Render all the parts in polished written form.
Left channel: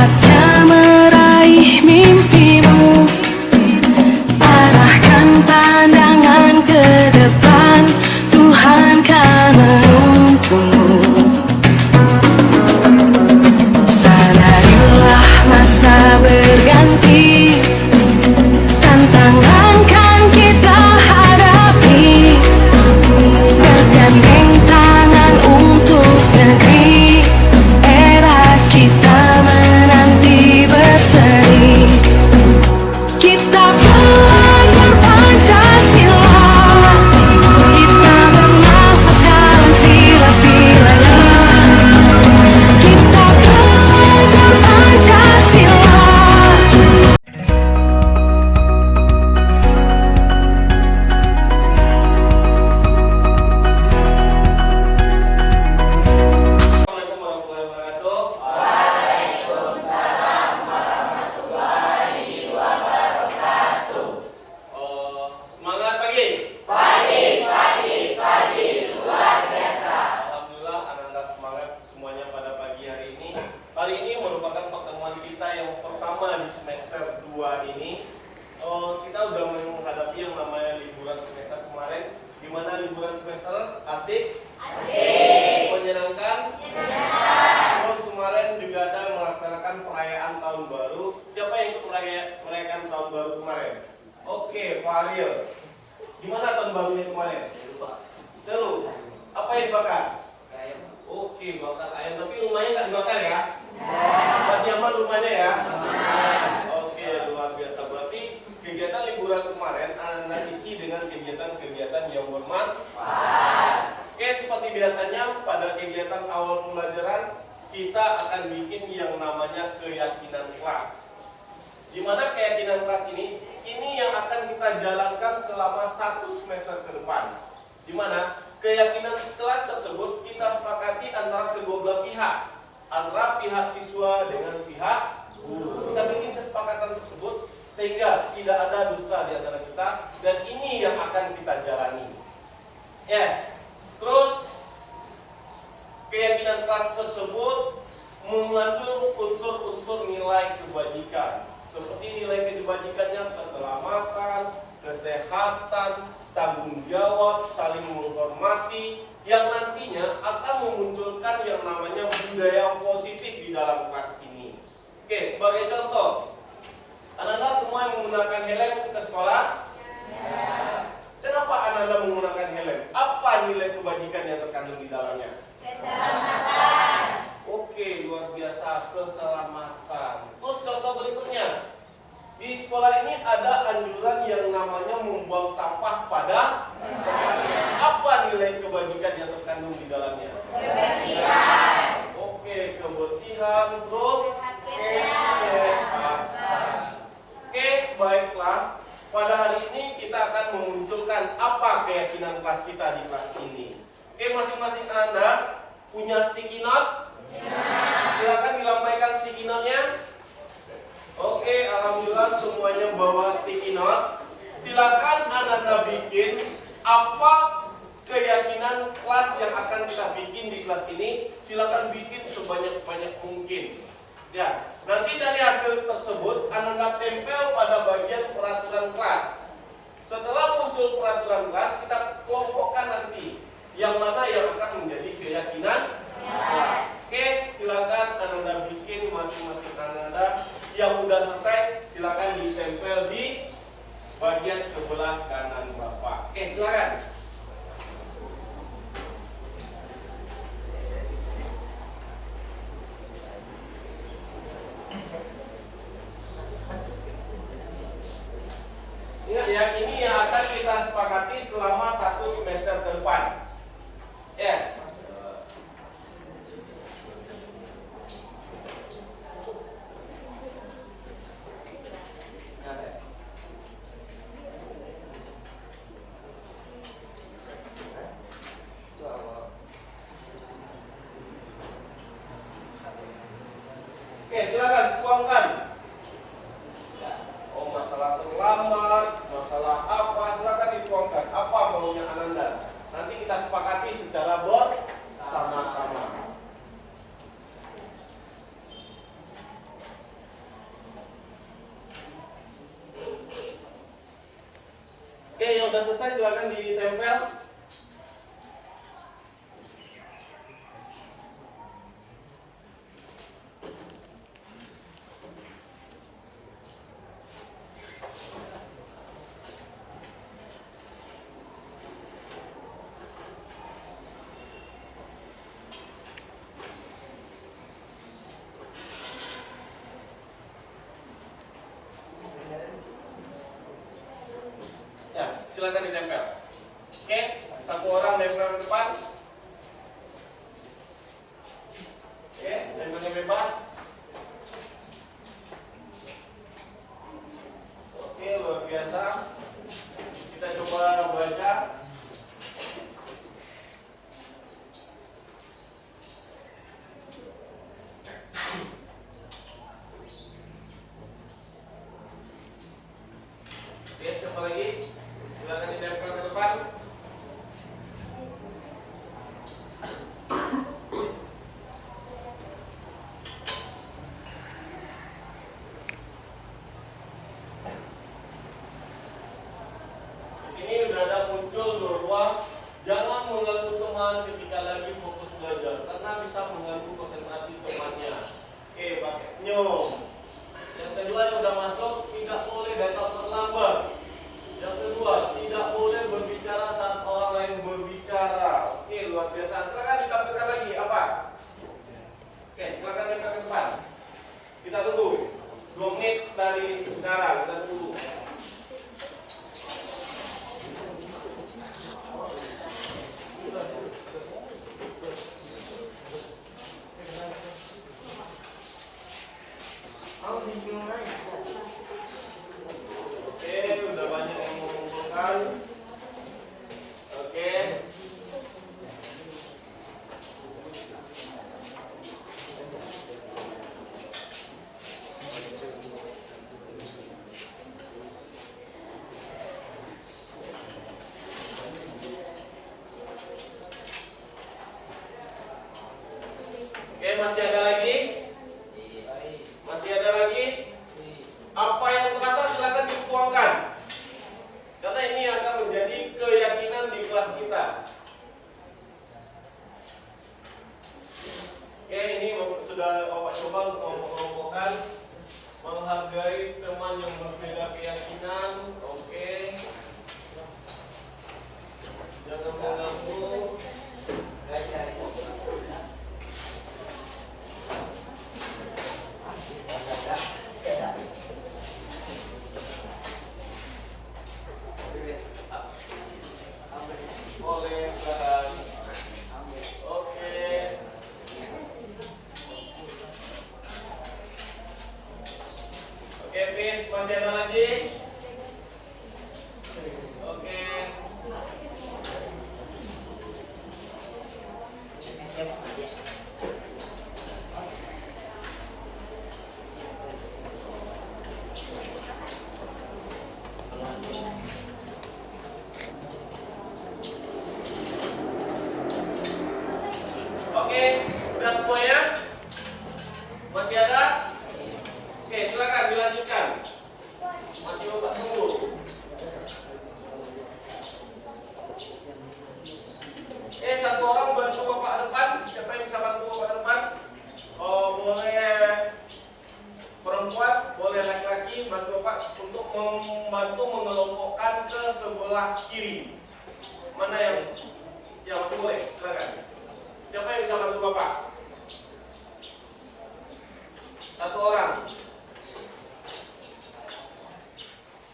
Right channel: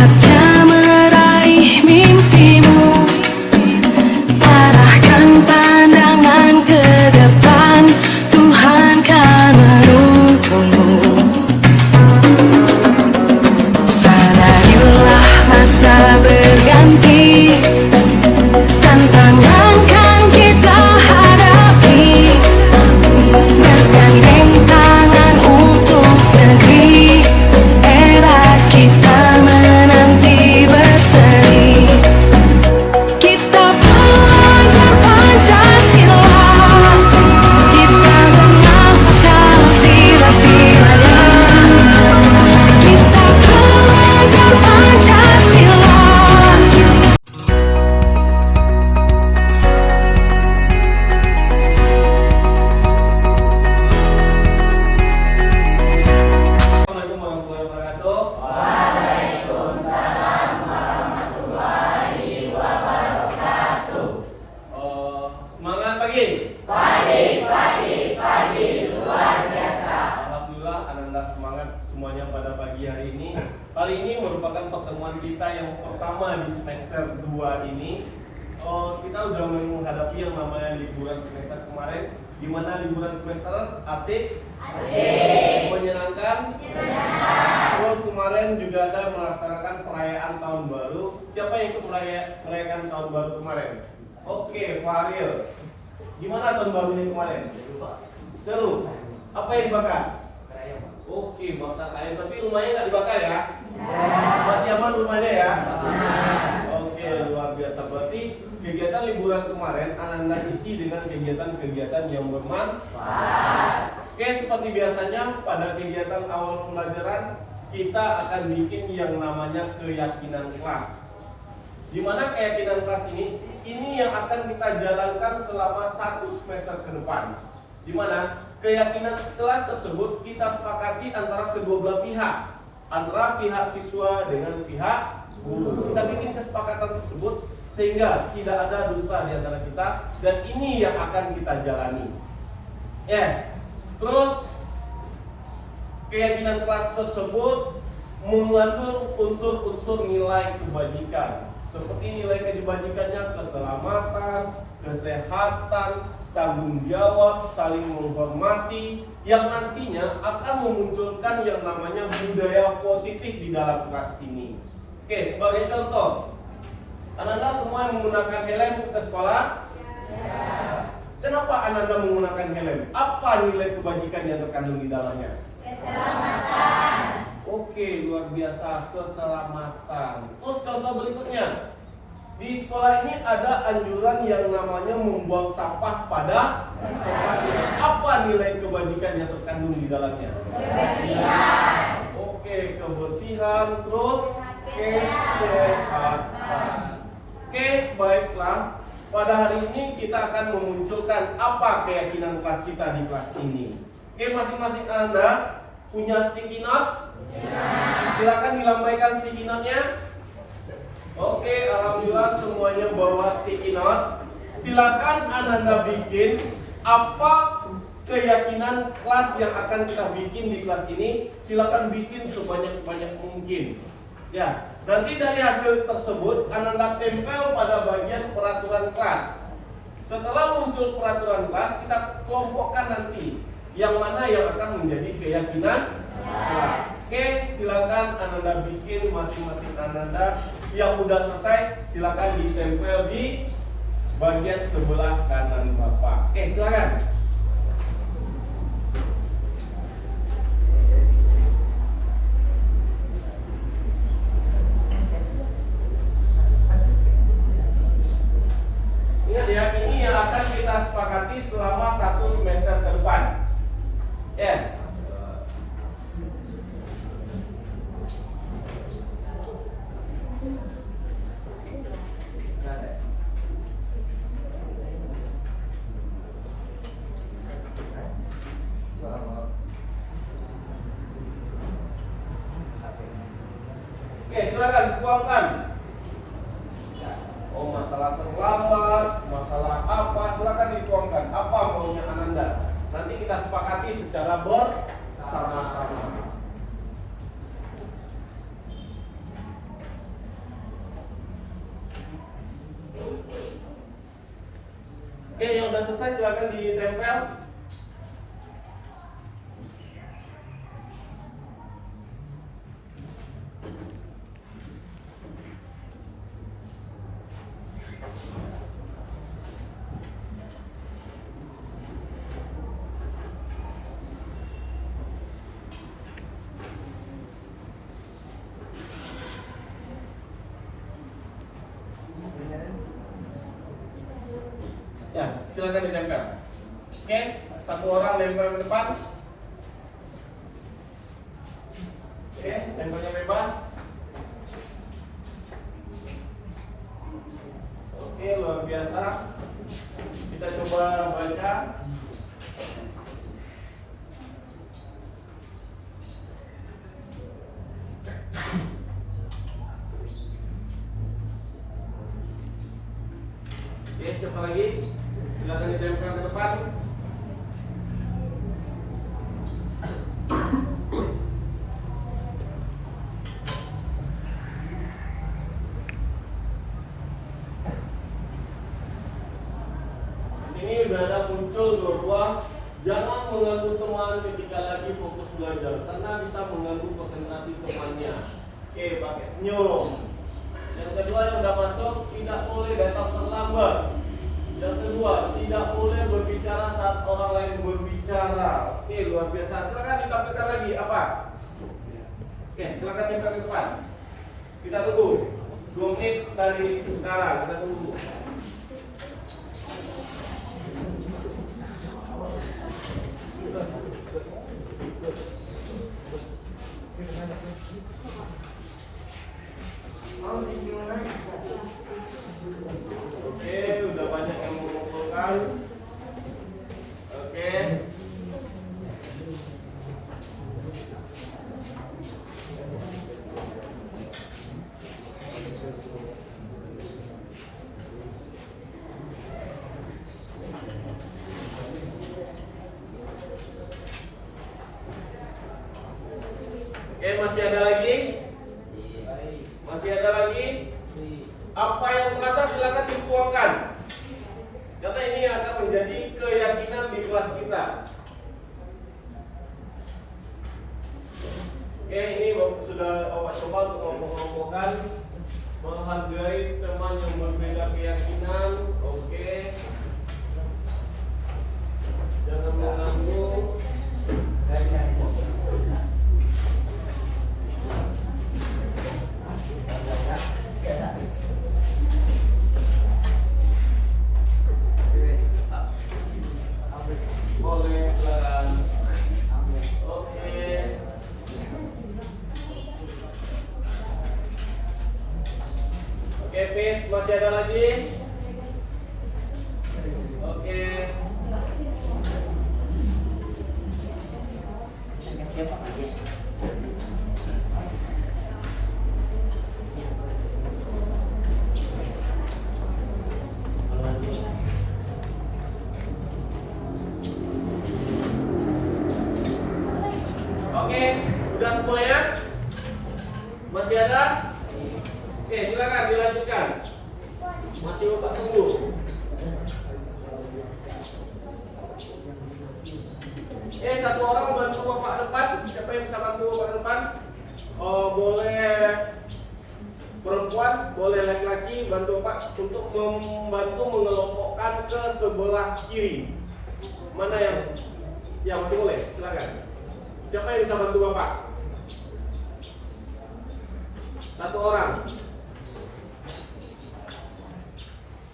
Saatnya meraih mimpimu, arahkan pandangan ke depan, Tuhan kan menuntunmu. Sadarilah masa berganti, tantangan kan kita hadapi, bergandeng tangan untuk negeri, era kita menanti berseri. Kita pelajar Pancasila, kita bernafas dalam sila-silanya. Kita pelajar Pancasila. Assalamualaikum warahmatullahi wabarakatuh. Semangat pagi. Alhamdulillah anak-anak semangat semuanya pada pagi hari ini. Hari ini merupakan pertemuan kita yang pertama di semester 2 ini. Kita udah menghadapi yang namanya liburan semester kemarin. Gimana liburan semester? Asik? Menyenangkan? Terus kemarin juga ada melaksanakan perayaan tahun baru. Siapa yang ikut merayakan tahun baru kemarin? Oke, Faril. Gimana tahun barunya kemarin? Seru. Apa yang dibakar? Oke, bakar ayam. Tapi rumahnya nggak dibakar ya? Masih aman rumahnya ya? Oke, luar biasa. Berarti kegiatan liburan kemarin Anda isi dengan kegiatan-kegiatan yang bermanfaat. Oke, seperti biasanya pada kegiatan awal pembelajaran kita akan bikin yang namanya keyakinan kelas. Di mana keyakinan kelas ini yang akan kita jalankan selama 1 semester ke depan. Di mana keyakinan kelas tersebut kita sepakati antara kedua belah pihak, antara pihak siswa dengan pihak guru. Kita bikin kesepakatan tersebut sehingga tidak ada dusta di antara kita, dan ini yang akan kita jalani. Terus keyakinan kelas tersebut mengandung unsur-unsur nilai kebajikan, seperti nilai kebajikannya keselamatan, kesehatan, tanggung jawab, saling menghormati, yang nantinya akan memunculkan yang namanya budaya positif di dalam kelas ini. Oke, sebagai contoh, anak-anak semua yang menggunakan helm ke sekolah? Kenapa anak-anak menggunakan helm? Apa nilai kebajikan yang terkandung di dalamnya? Keselamatan. Oke, luar biasa, keselamatan. Terus contoh berikutnya, di sekolah ini ada anjuran yang namanya membuang sampah pada tempatnya. Apa nilai kebajikan yang terkandung di dalamnya? Kebersihan. Oke, kebersihan. Terus kesehatan. Oke, baiklah. Pada hari ini kita akan memunculkan apa keyakinan kelas kita di kelas ini. Oke, masing-masing Anda punya sticky note? Silakan dilambaikan sticky note-nya. Oke, alhamdulillah semuanya bawa sticky note. Silakan Anda bikin apa keyakinan kelas yang akan kita bikin di kelas ini. Silakan bikin sebanyak-banyak mungkin. Ya, nanti dari hasil tersebut Anda tempel pada bagian peraturan kelas. Setelah muncul peraturan kelas, kita kelompokkan nanti yang mana yang akan menjadi keyakinan kelas. Oke, silakan Anda bikin masing-masing Anda. Yang udah selesai, silakan ditempel di bagian sebelah kanan Bapak. Oke, silakan. Ingat ya, ini yang akan kita sepakati selama 1 semester ke depan. Ya. Oke, silakan tuangkan. Oh, masalah terlambat, masalah apa, silakan dituangkan. Apa udah selesai silakan ditempel. Ya, silakan ditempel. Oke, satu orang nempel ke depan. Oke, tempelnya bebas. Oke, luar biasa. Kita coba baca. Oke, siapa lagi? Silakan ditempel ke depan. Di sini udah ada muncul bahwa jangan mengganggu teman ketika lagi fokus belajar karena bisa mengganggu konsentrasi temannya. Oke, pakai senyum. Yang kedua yang udah masuk, tidak boleh datang terlambat. Yang kedua, tidak boleh berbicara saat orang lain berbicara. Oke, luar biasa. Silakan ditampilkan lagi apa? Oke, silakan tempel ke depan. Kita tunggu 2 menit dari sekarang. Kita tunggu. Oke, udah banyak yang mengumpulkan. Oke. Oke, masih ada lagi? Masih ada lagi? Apa yang terasa silakan dituangkan. Karena ini akan menjadi keyakinan di kelas kita. Oke, ini sudah Bapak coba untuk mengelompokkan, menghargai teman yang berbeda keyakinan. Oke. Jangan mengganggu. Boleh silakan. Oke. Oke, Pis, masih ada lagi? Oke. Oke, sudah semuanya? Masih ada? Oke, silakan dilanjutkan. Masih Bapak tunggu. Satu orang bantu Bapak depan. Siapa yang bisa bantu Bapak depan? Oh, boleh perempuan, boleh laki-laki bantu Bapak untuk membantu mengelompokkan ke sebelah kiri. Mana yang masih boleh? Silakan. Siapa yang bisa bantu Bapak? Satu orang.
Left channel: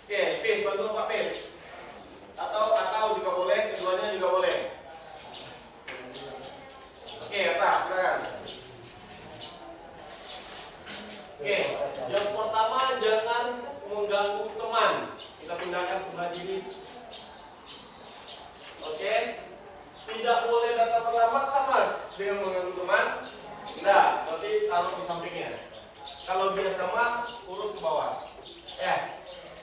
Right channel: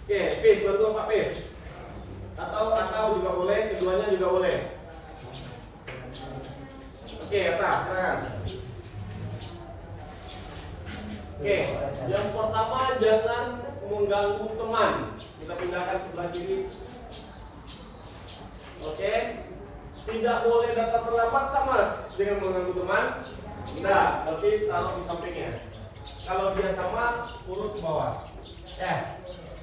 Oke, Pis, bantu Pak Pis. Atau juga boleh, keduanya juga boleh. Oke, Atta, silakan. Oke, yang pertama jangan mengganggu teman. Kita pindahkan sebelah kiri. Oke. Tidak boleh datang terlambat sama dengan mengganggu teman. Enggak, berarti taruh di sampingnya. Kalau dia sama, urut ke bawah.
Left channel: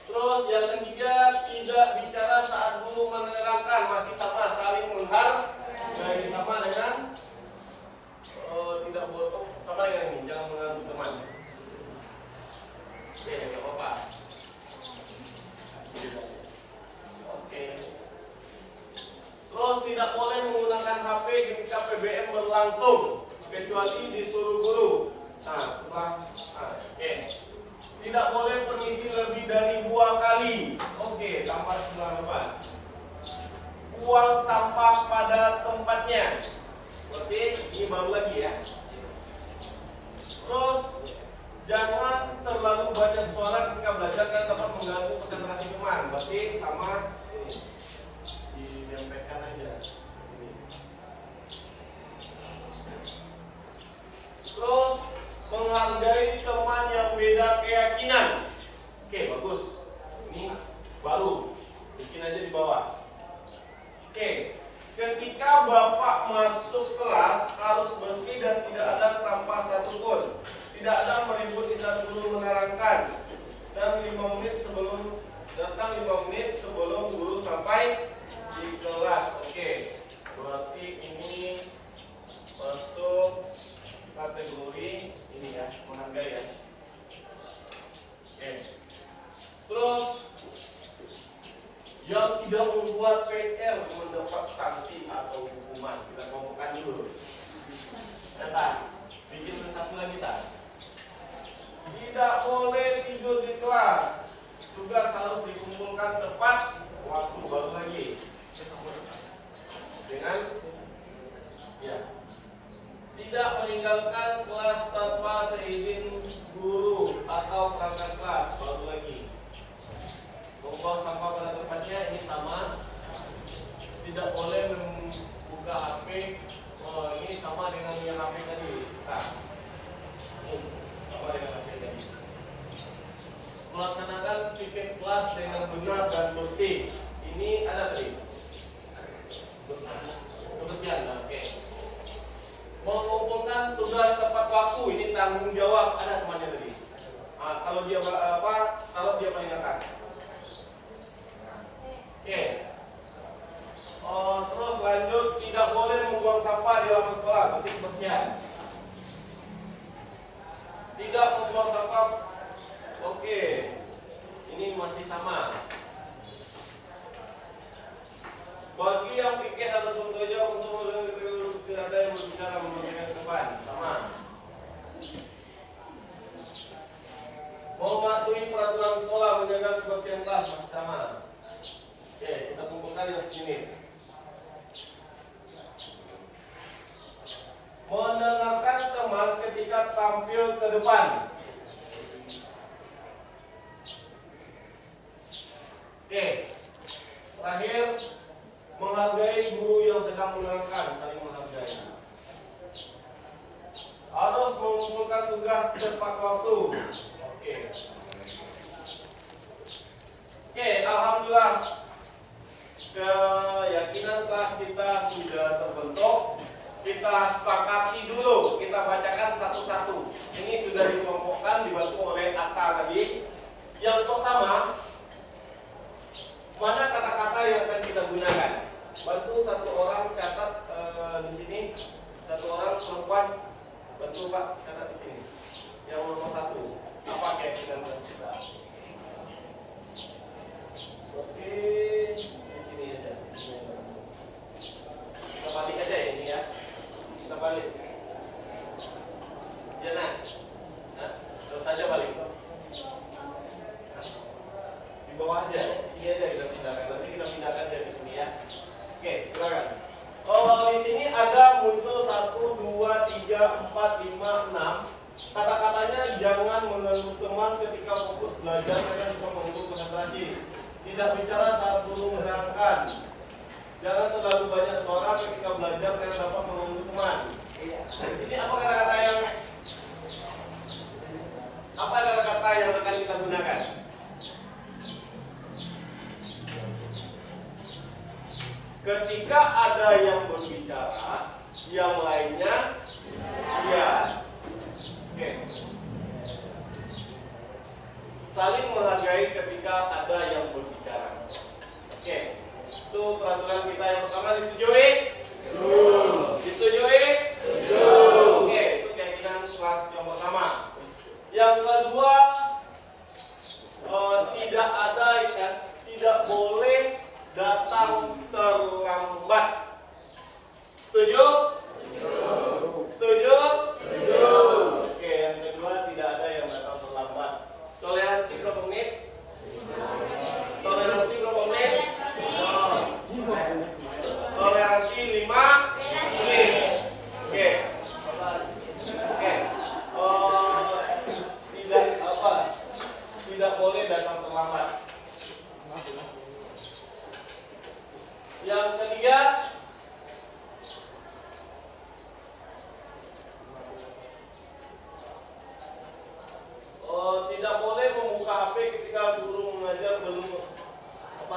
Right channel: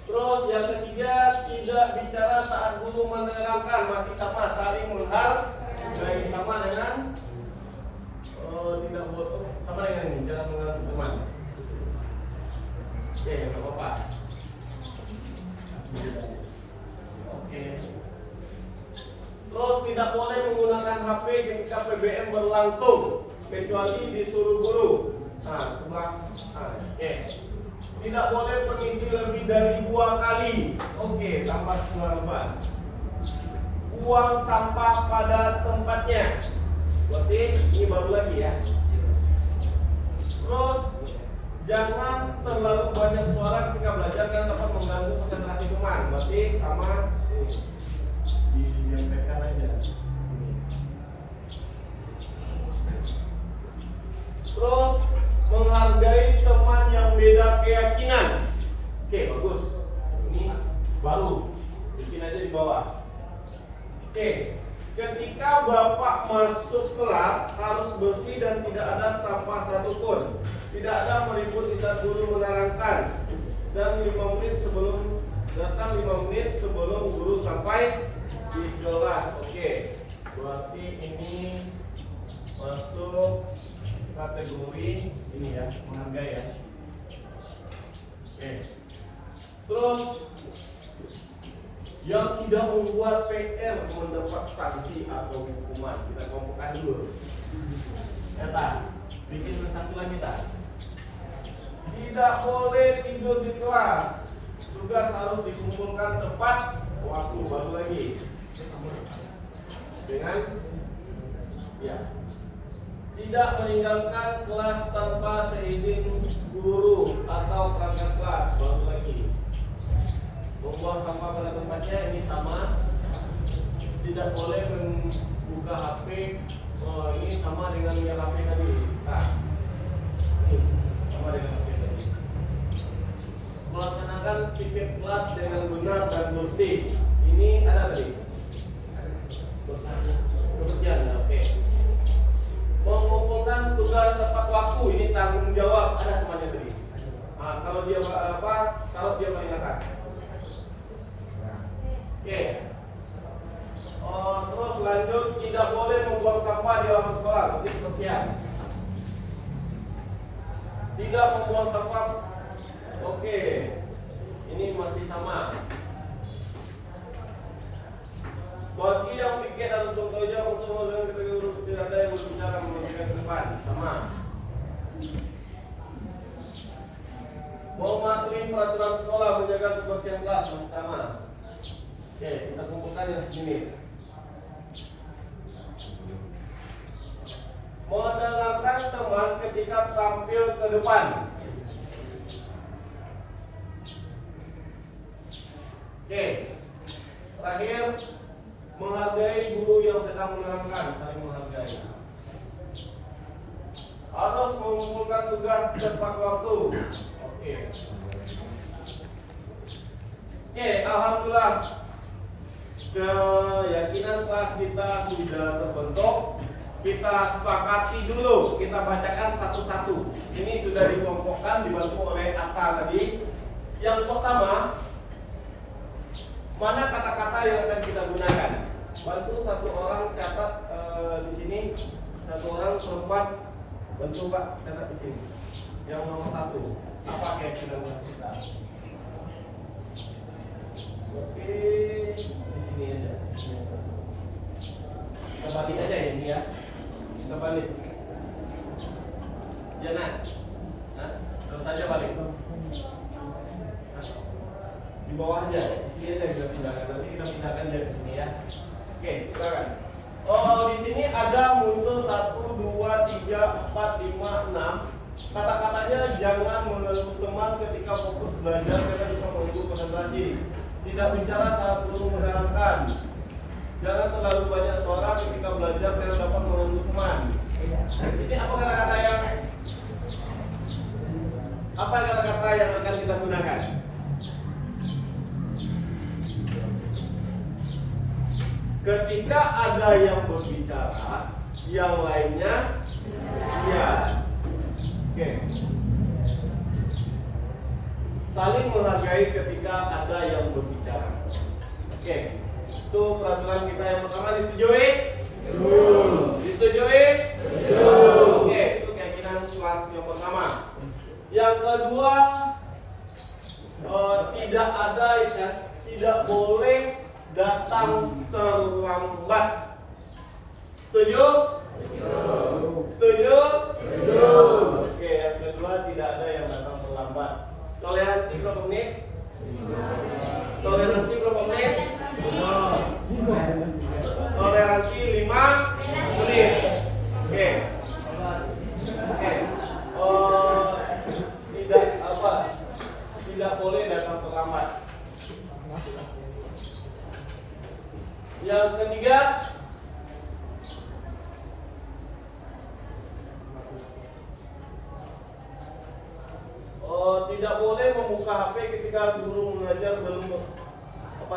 Terus yang ketiga, tidak bicara saat guru menerangkan, masih sama saling menghargai, sama dengan tidak boleh sama dengan ini, jangan mengganggu teman. Oke, nggak apa-apa. Oke. tidak boleh mengisi lebih dari 2 kali. Oke, tambah penerapan. Buang sampah pada tempatnya. Berarti ini baru lagi ya. Terus jangan terlalu banyak suara ketika belajar dan dapat mengganggu konsentrasi teman. Berarti sama ini disampaikan aja. Ini. Terus menghargai teman yang beda keyakinan. Oke, bagus. Ini baru. Bikin aja di bawah. Oke. Ketika Bapak masuk kelas harus bersih dan tidak ada sampah satupun. Tidak ada meribut di saat guru menerangkan. Dan 5 menit sebelum datang 5 menit sebelum guru sampai di kelas. Oke. Berarti ini masuk kategori ini ya, menghargai ya. Oke. Terus yang tidak membuat PR mendapat sanksi atau hukuman. Kita ngomongkan dulu. Data, bikin satu lagi tak? Tidak boleh tidur di kelas. Tugas harus dikumpulkan tepat waktu. Baru lagi. Dengan ya. Tidak meninggalkan kelas tanpa seizin guru atau perangkat kelas. Baru lagi. Membuang sampah pada tempatnya ini sama. Tidak boleh membuka HP. Ini sama dengan yang HP tadi. Nah, ini sama dengan HP tadi. Melaksanakan piket kelas dengan benar dan bersih. Ini ada tadi. Kebersihan, oke. Mengumpulkan tugas tepat waktu. Ini tanggung jawab. Ada temannya tadi. Nah, kalau dia kalau dia paling atas. Oke. Terus lanjut, tidak boleh membuang sampah di halaman sekolah. Seperti kebersihan. Tidak membuang sampah. Oke. Ini masih sama. Bagi yang piket atau contohnya untuk tidak ada yang berbicara membagikan ke depan. Sama. Mematuhi peraturan sekolah menjaga kebersihan kelas. Sama. Oke, kita kumpulkan yang sejenis. Mendengarkan teman ketika tampil ke depan. Oke. Terakhir, menghargai guru yang sedang menerangkan, saling menghargai. Harus mengumpulkan tugas tepat waktu. Oke. Oke, alhamdulillah. Keyakinan kelas kita sudah terbentuk. Kita sepakati dulu, kita bacakan satu-satu. Ini sudah dikelompokkan, dibantu oleh Atta tadi. Yang pertama, mana kata-kata yang akan kita gunakan? Bantu satu orang catat di sini, satu orang perempuan. Bantu Pak catat di sini. Yang nomor 1, apa keyakinan kita? Oke, di sini aja. Kita balik aja ini ya. Kita balik. Ya nah, terus saja balik. Di bawah aja, di sini aja kita pindahkan. Nanti kita pindahkan dari sini ya. Oke, silakan. Di sini ada muncul 1, 2, 3, 4, 5, 6. Kata-katanya jangan mengganggu teman ketika fokus belajar, mereka bisa mengganggu konsentrasi. Tidak bicara saat guru menerangkan. Jangan terlalu banyak suara ketika belajar dan dapat mengganggu teman. Jadi apa kata-kata yang akan kita gunakan? Ketika ada yang berbicara, yang lainnya diam. Oke. Saling menghargai ketika ada yang berbicara. Oke. Itu peraturan kita yang pertama, disetujui? Disetujui? Oke, itu keyakinan kelas yang pertama. Yang kedua, tidak boleh datang terlambat. Setuju? Setuju? Oke, yang kedua tidak ada yang datang terlambat. Toleransi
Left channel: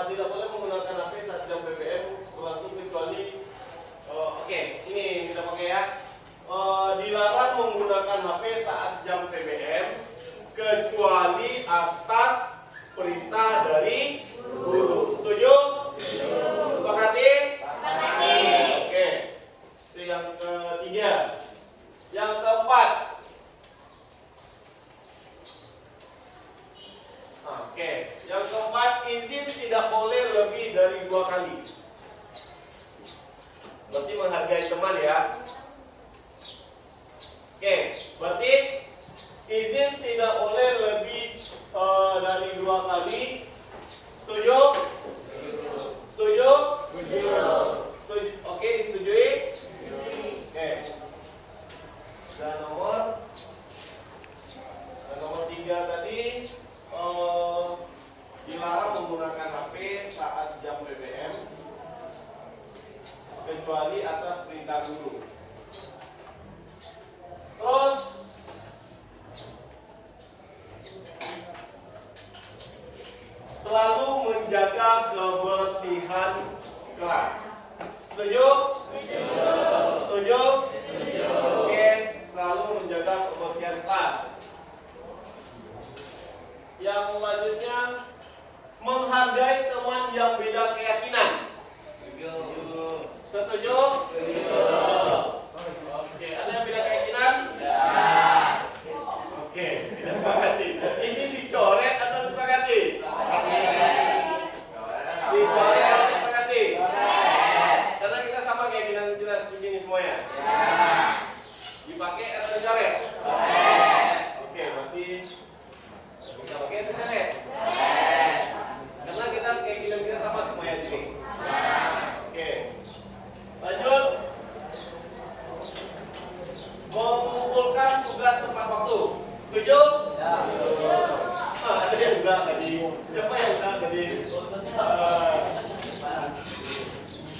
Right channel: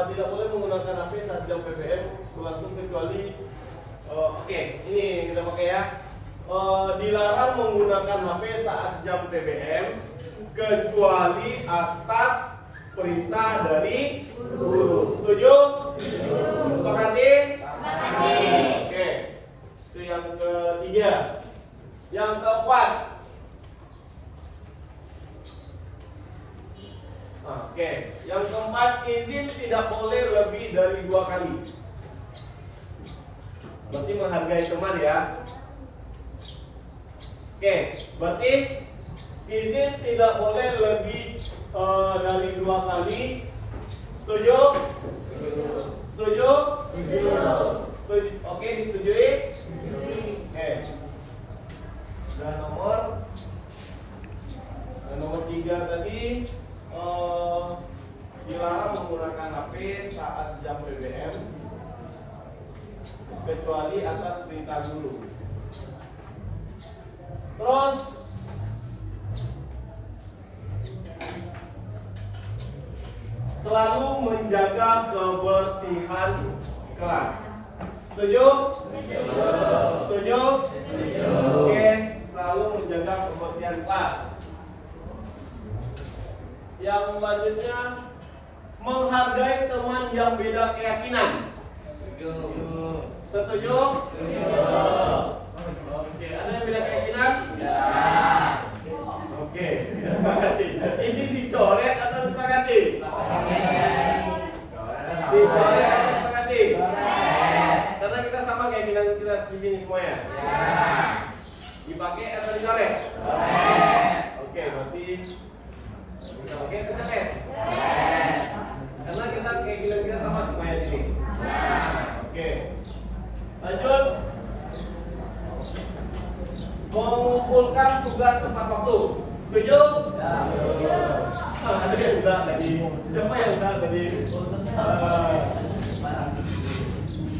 tidak boleh menggunakan HP saat jam PBM berlangsung kecuali oke, ini kita pakai ya. Dilarang menggunakan HP saat jam PBM kecuali atas perintah dari guru. Setuju? Sepakati? Oke. Itu yang ketiga. Yang keempat. Oke. Yang keempat, izin tidak boleh lebih dari 2 kali. Berarti menghargai teman ya. Oke, berarti izin tidak boleh lebih dari 2 kali. Setuju? Setuju? Setuju. Oke, disetujui? Oke. Dan nomor 3 tadi dilarang menggunakan HP saat jam PBM kecuali atas perintah guru. Terus selalu menjaga kebersihan kelas. Setuju? Setuju? Oke, selalu menjaga kebersihan kelas. Yang selanjutnya, menghargai teman yang beda keyakinan. Setuju? Oke, ada yang beda keyakinan? Ya. Oke, sepakati. Ini dicoret atau sepakati? Dicoret atau sepakati? Karena kita sama keyakinan kita di sini semuanya. Dipakai atau dicoret? Oke, berarti oke, dicoret. Karena kita keyakinan kita sama semuanya di sini. Oke. Lanjut. Mengumpulkan tugas tepat waktu. Setuju? Ada yang enggak tadi? Siapa yang enggak tadi?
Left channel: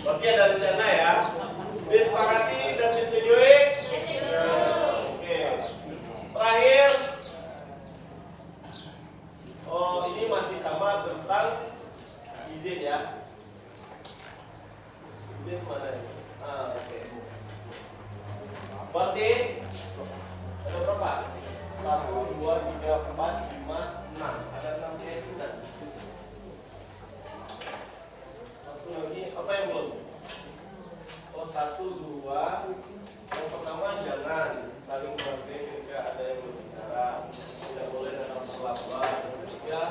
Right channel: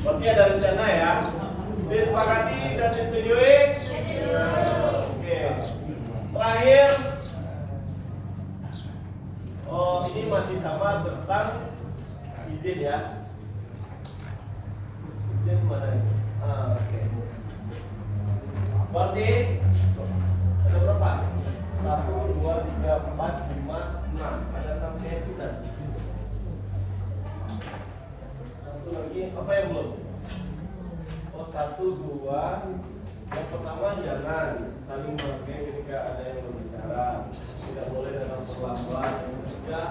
Berarti ada rencana ya. Disepakati dan disetujui? Oke. Terakhir. Ini masih sama tentang izin ya. Izin mana nih? Oke. Berarti ada berapa? 1, 2, 3, 4, 5, 6. Ada 6 keyakinan. Satu lagi, apa yang belum? 1, 2. Yang pertama jangan saling memakai ketika ada yang berbicara. Tidak boleh dengan terlambat. Ya.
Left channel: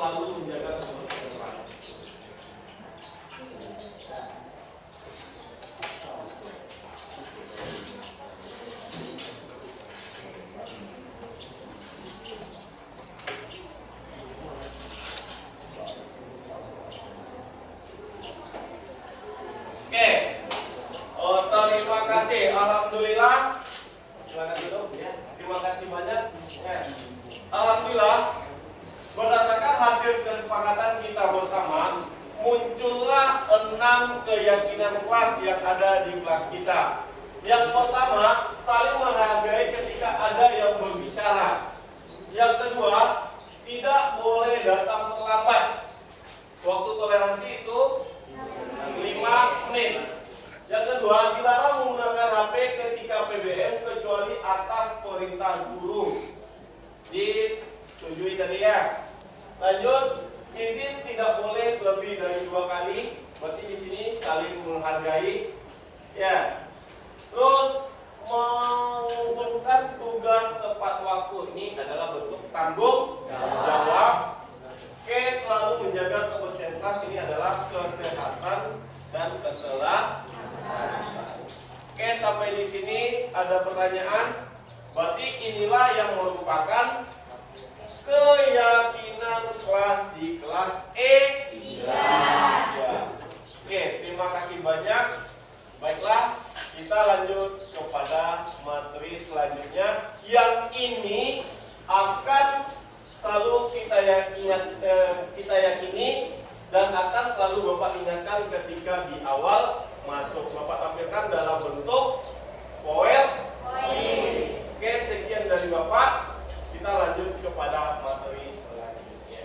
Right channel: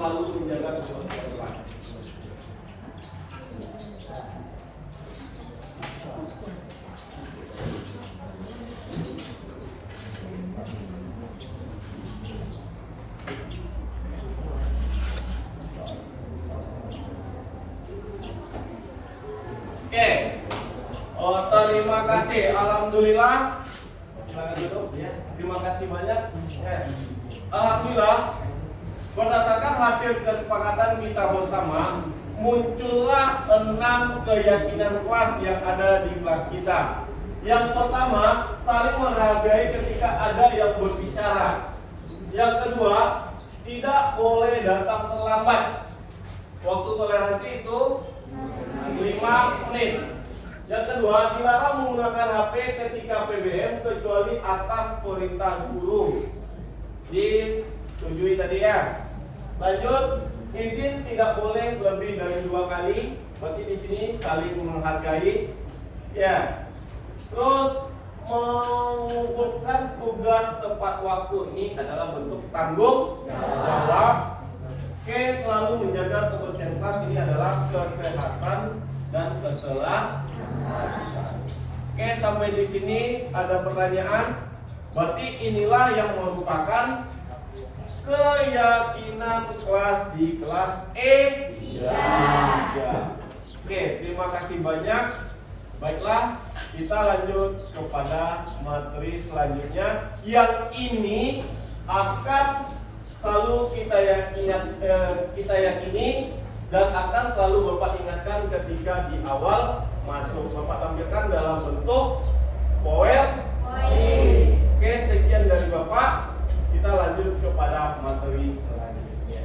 Selalu menjaga kebersihan. Oke. Terima kasih. Alhamdulillah. Silakan duduk ya. Terima kasih banyak. Ya. Alhamdulillah. Berdasarkan hasil kesepakatan kita bersama, muncullah 6 keyakinan kelas yang ada di kelas kita. Yang pertama, saling menghargai ketika ada yang berbicara. Yang kedua, tidak boleh datang terlambat. Waktu toleransi itu 5 menit. Yang kedua, dilarang menggunakan HP ketika PBM kecuali atas perintah guru. Disetujui tadi ya. Lanjut, izin tidak boleh lebih dari 2 kali. Berarti di sini saling menghargai. Ya. Terus mengumpulkan tugas tepat waktu, ini adalah bentuk tanggung jawab. Oke, selalu menjaga kebersihan kelas, ini adalah kesehatan dan keselamatan. Oke, sampai di sini ada pertanyaan. Berarti inilah yang merupakan keyakinan kelas di kelas E. Oke, terima kasih banyak. Baiklah, kita lanjut kepada materi selanjutnya yang ini akan selalu kita yakini dan akan selalu Bapak ingatkan ketika di awal masuk. Bapak tampilkan dalam bentuk PowerPoint. Oke, sekian dari Bapak. Kita lanjut kepada materi selanjutnya.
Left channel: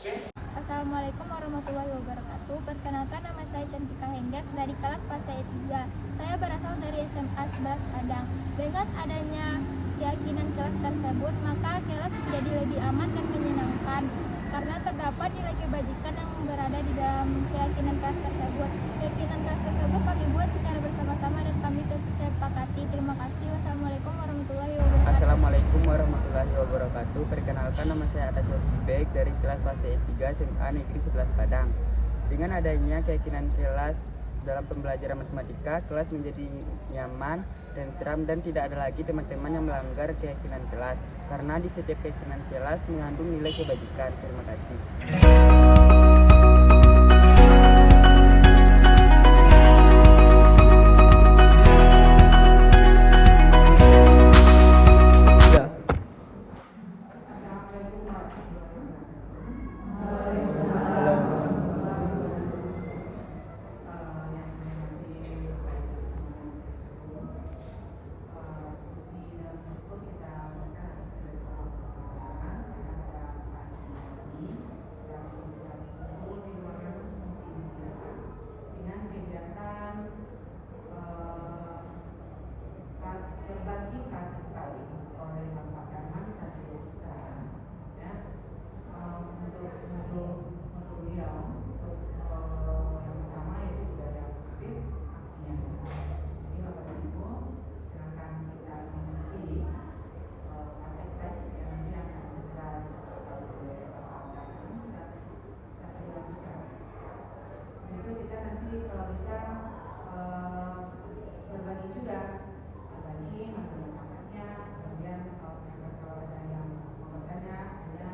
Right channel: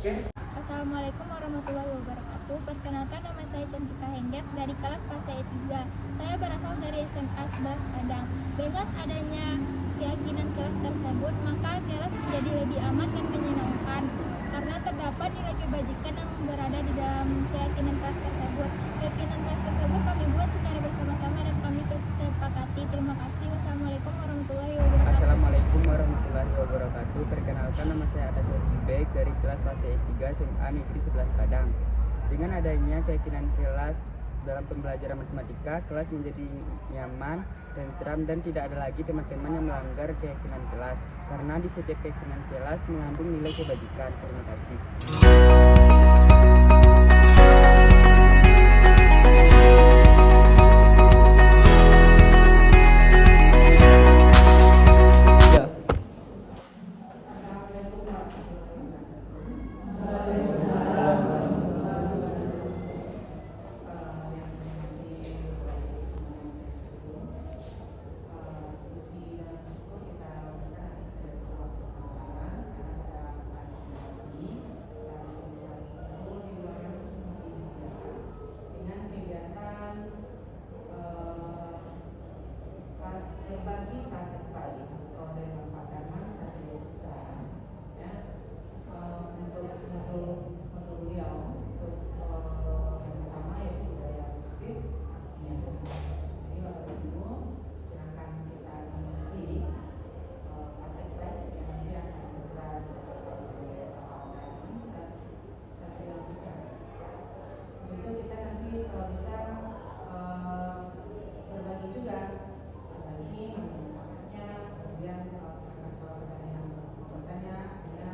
Oke. Assalamualaikum warahmatullahi wabarakatuh. Perkenalkan, nama saya Cantika Hengges dari kelas PASE 3. Saya berasal dari SMA 11 Padang. Dengan adanya keyakinan kelas tersebut, maka kelas menjadi lebih aman dan menyenangkan karena terdapat nilai kebajikan yang berada di dalam keyakinan kelas tersebut. Keyakinan kelas tersebut kami buat secara bersama-sama dan kami kesepakati. Terima kasih. Wassalamualaikum warahmatullahi wabarakatuh. Assalamualaikum warahmatullahi wabarakatuh. Perkenalkan, nama saya Atas Baik dari kelas PASE 3 SMA Negeri 11 Padang. Dengan adanya keyakinan kelas dalam pembelajaran matematika, kelas menjadi nyaman, tentram, dan tidak ada lagi teman-teman yang melanggar keyakinan kelas karena di setiap keyakinan kelas mengandung nilai kebajikan. Terima kasih. berbagi praktik oleh Bapak Darman saja ya untuk modul beliau untuk yang pertama yaitu budaya positif aksinya. Jadi Bapak Ibu silakan kita mengerti praktek yang nanti akan segera oleh Bapak Darman saya lakukan. Itu kita nanti kalau bisa berbagi juga. Lagi menggunakannya, kemudian kalau ada yang mau bertanya, ada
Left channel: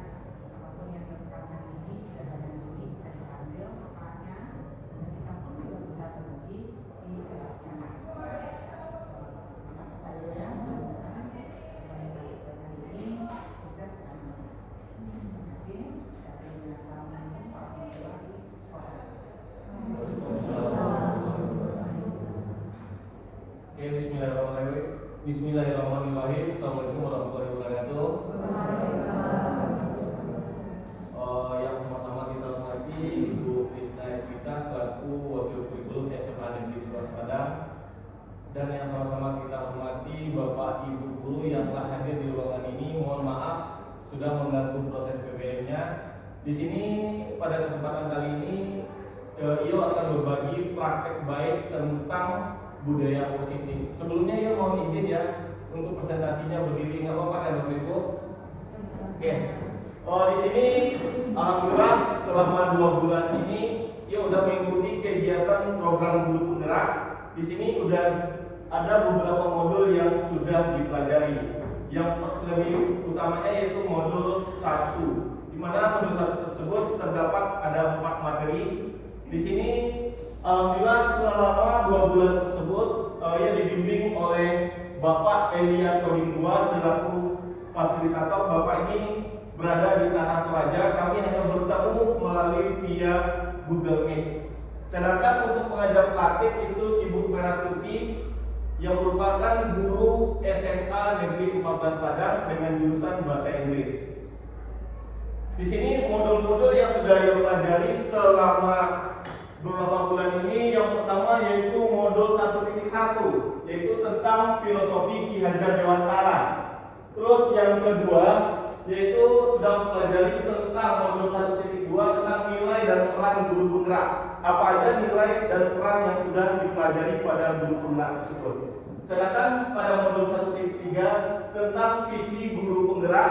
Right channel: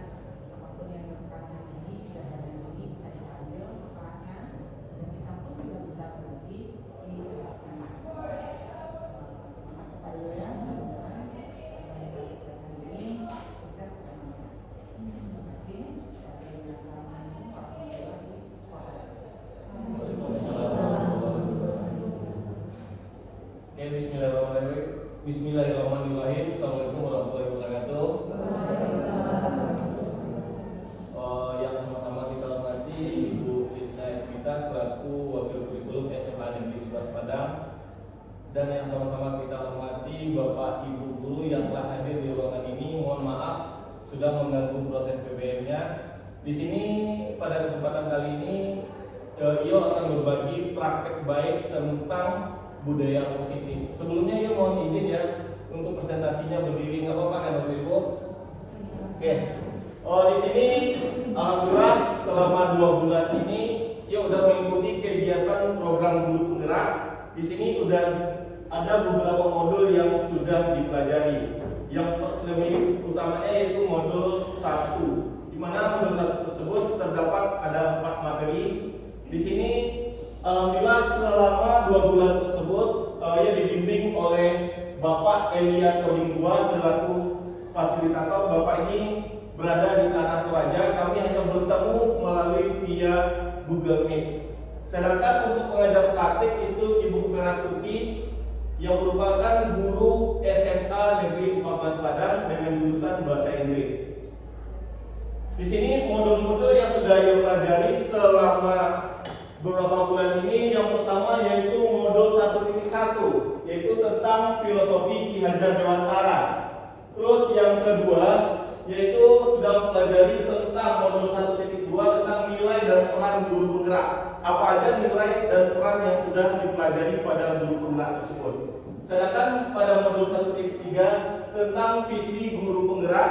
apapun yang berkaitan ini dan ada ini bisa diambil manfaatnya dan kita pun juga bisa berbagi di kelas yang masing-masing. Ayo ya, mudah-mudahan ini sukses dan terima kasih. Assalamualaikum warahmatullahi wabarakatuh. Bismillahirrahmanirrahim. Assalamualaikum warahmatullahi wabarakatuh. Yang sama-sama kita hormati Ibu Isna Evita selaku Wakil Kurikulum SMA Negeri 11 Padang, dan yang sama-sama kita hormati Bapak Ibu Guru yang telah hadir di ruangan ini. Mohon maaf sudah mengganggu proses PBM-nya. Di sini pada kesempatan kali ini Iyo akan berbagi praktek baik tentang budaya positif. Sebelumnya ya mohon izin ya untuk presentasinya berdiri, nggak apa-apa kan Bapak Ibu? Oke. Di sini alhamdulillah selama 2 bulan ini ya udah mengikuti kegiatan program guru penggerak. Di sini udah ada beberapa modul yang sudah dipelajari. Yang lebih utamanya yaitu modul 1, di mana modul 1 tersebut terdapat ada 4 materi. Di sini alhamdulillah selama 2 bulan tersebut ia dibimbing oleh Bapak Elia Solingua selaku fasilitator. Bapak ini berada di Tanah Toraja. Kami hanya bertemu melalui via Google Meet. Sedangkan untuk pengajar praktik itu Ibu Vera Stuti yang merupakan guru SMA Negeri 14 Padang dengan jurusan Bahasa Inggris. Di sini modul-modul yang sudah ia pelajari selama beberapa bulan ini, yang pertama yaitu modul 1.1 yaitu tentang filosofi Ki Hajar Dewantara. Terus yang kedua yaitu sudah mempelajari tentang modul 1.2 tentang nilai dan peran guru penggerak. Apa aja nilai dan peran yang sudah dipelajari pada guru penggerak tersebut. Sedangkan pada modul 1.3 tentang visi guru penggerak,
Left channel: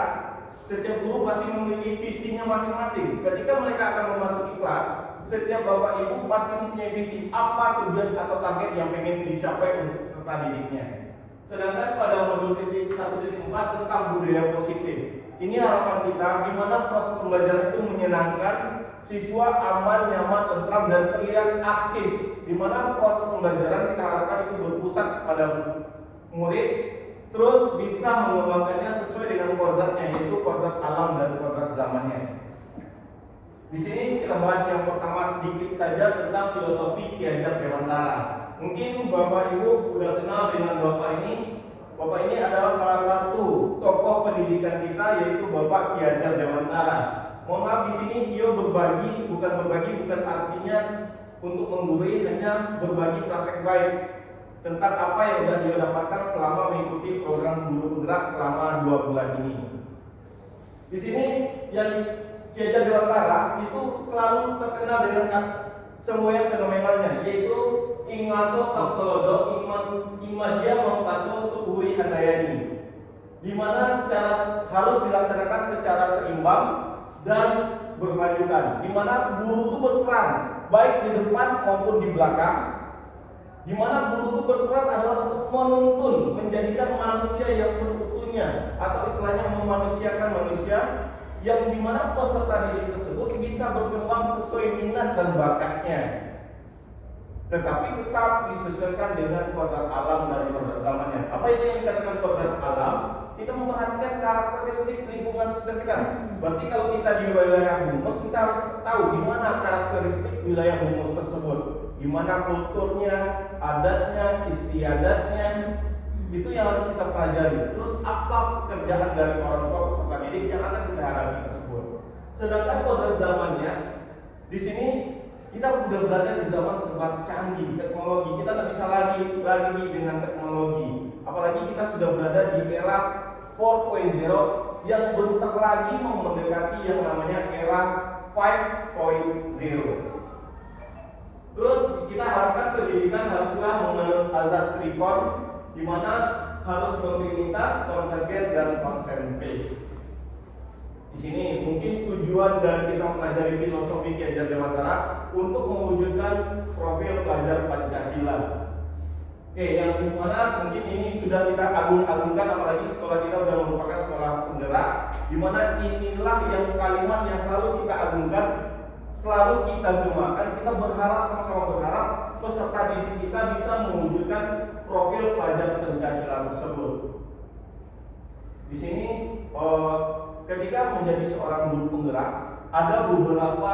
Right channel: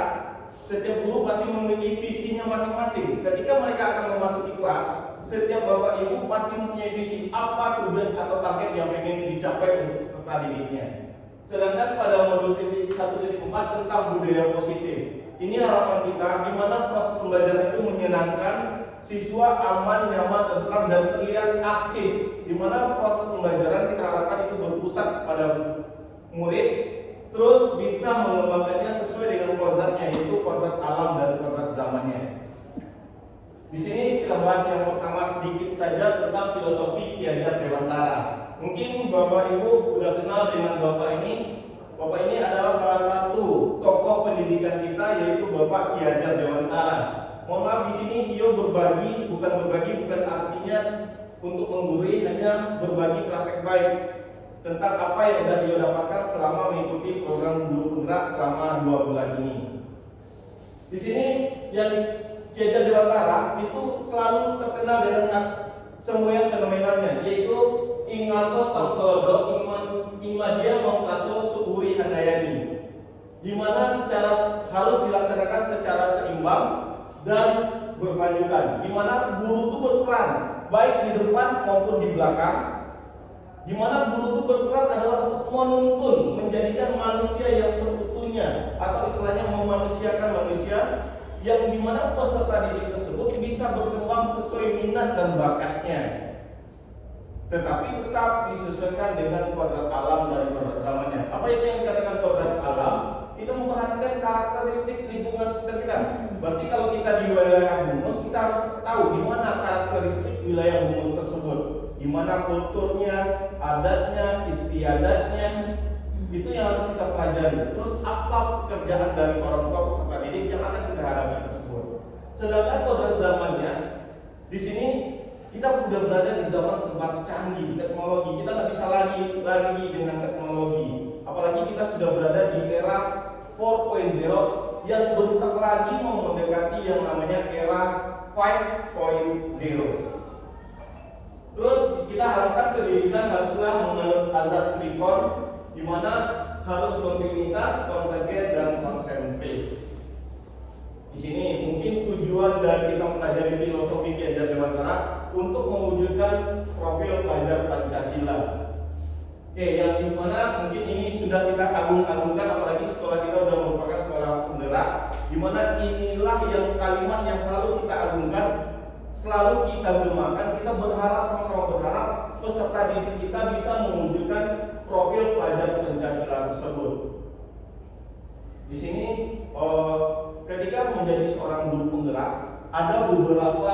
setiap guru pasti memiliki visinya masing-masing. Ketika mereka akan memasuki kelas, setiap bapak ibu pasti mempunyai visi apa tujuan atau target yang ingin dicapai untuk peserta didiknya. Sedangkan pada modul 1.4 tentang budaya positif, ini harapan kita gimana proses pembelajaran itu menyenangkan, siswa aman, nyaman, tentram, dan terlihat aktif. Di mana proses pembelajaran kita harapkan itu berpusat pada murid, terus bisa mengembangkannya sesuai dengan kodratnya, yaitu kodrat alam dan kodrat zamannya. Di sini kita bahas yang pertama sedikit saja tentang filosofi Ki Hajar Dewantara. Mungkin Bapak Ibu sudah kenal dengan Bapak ini. Bapak ini adalah salah satu tokoh pendidikan kita, yaitu Bapak Ki Hajar Dewantara. Mohon maaf, di sini Tio bukan artinya untuk menggurui, hanya berbagi praktek baik tentang apa yang sudah Tio dapatkan selama mengikuti program Guru Penggerak selama 2 bulan ini. Di sini yang Ki Hajar Dewantara itu selalu terkenal dengan semboyan fenomenalnya, yaitu Ingaso Sangkelodo Imadia Mongkaso Uri Handayani, di mana harus dilaksanakan secara seimbang dan berkelanjutan, di mana guru itu berperan baik di depan maupun di belakang, di mana guru itu berperan adalah untuk menuntun, menjadikan manusia yang seutuhnya, atau istilahnya memanusiakan manusia, yang dimana peserta didik tersebut bisa berkembang sesuai minat dan bakatnya, tetapi tetap disesuaikan dengan kodrat alam dan kodrat zamannya. Apa itu yang dikatakan kodrat alam? Kita memperhatikan karakteristik lingkungan sekitar kita. Berarti kalau kita di wilayah Bungus, kita harus tahu gimana karakteristik wilayah Bungus tersebut, gimana kulturnya, adatnya, istiadatnya, itu yang harus kita pelajari. Terus apa pekerjaan dari orang tua peserta didik yang akan kita hadapi tersebut. Sedangkan kodrat zamannya, di sini kita sudah berada di zaman serba canggih teknologi. Kita nggak bisa lagi dengan teknologi. Apalagi kita sudah berada di era 4.0 yang bentar lagi mau mendekati yang namanya era 5.0. Terus kita harapkan pendidikan haruslah menganut azas trikon, di mana harus kontinuitas, konvergen, dan consent based. Di sini mungkin tujuan dari kita mempelajari filosofi Ki Hajar Dewantara untuk mewujudkan profil pelajar Pancasila. Oke, yang dimana mungkin ini sudah kita agung-agungkan, apalagi sekolah kita sudah merupakan sekolah penggerak, dimana inilah yang kalimat yang selalu kita agungkan, selalu kita gemakan. Kita berharap, sama-sama berharap peserta didik kita bisa mewujudkan profil pelajar Pancasila tersebut. Di sini ketika menjadi seorang guru penggerak, ada beberapa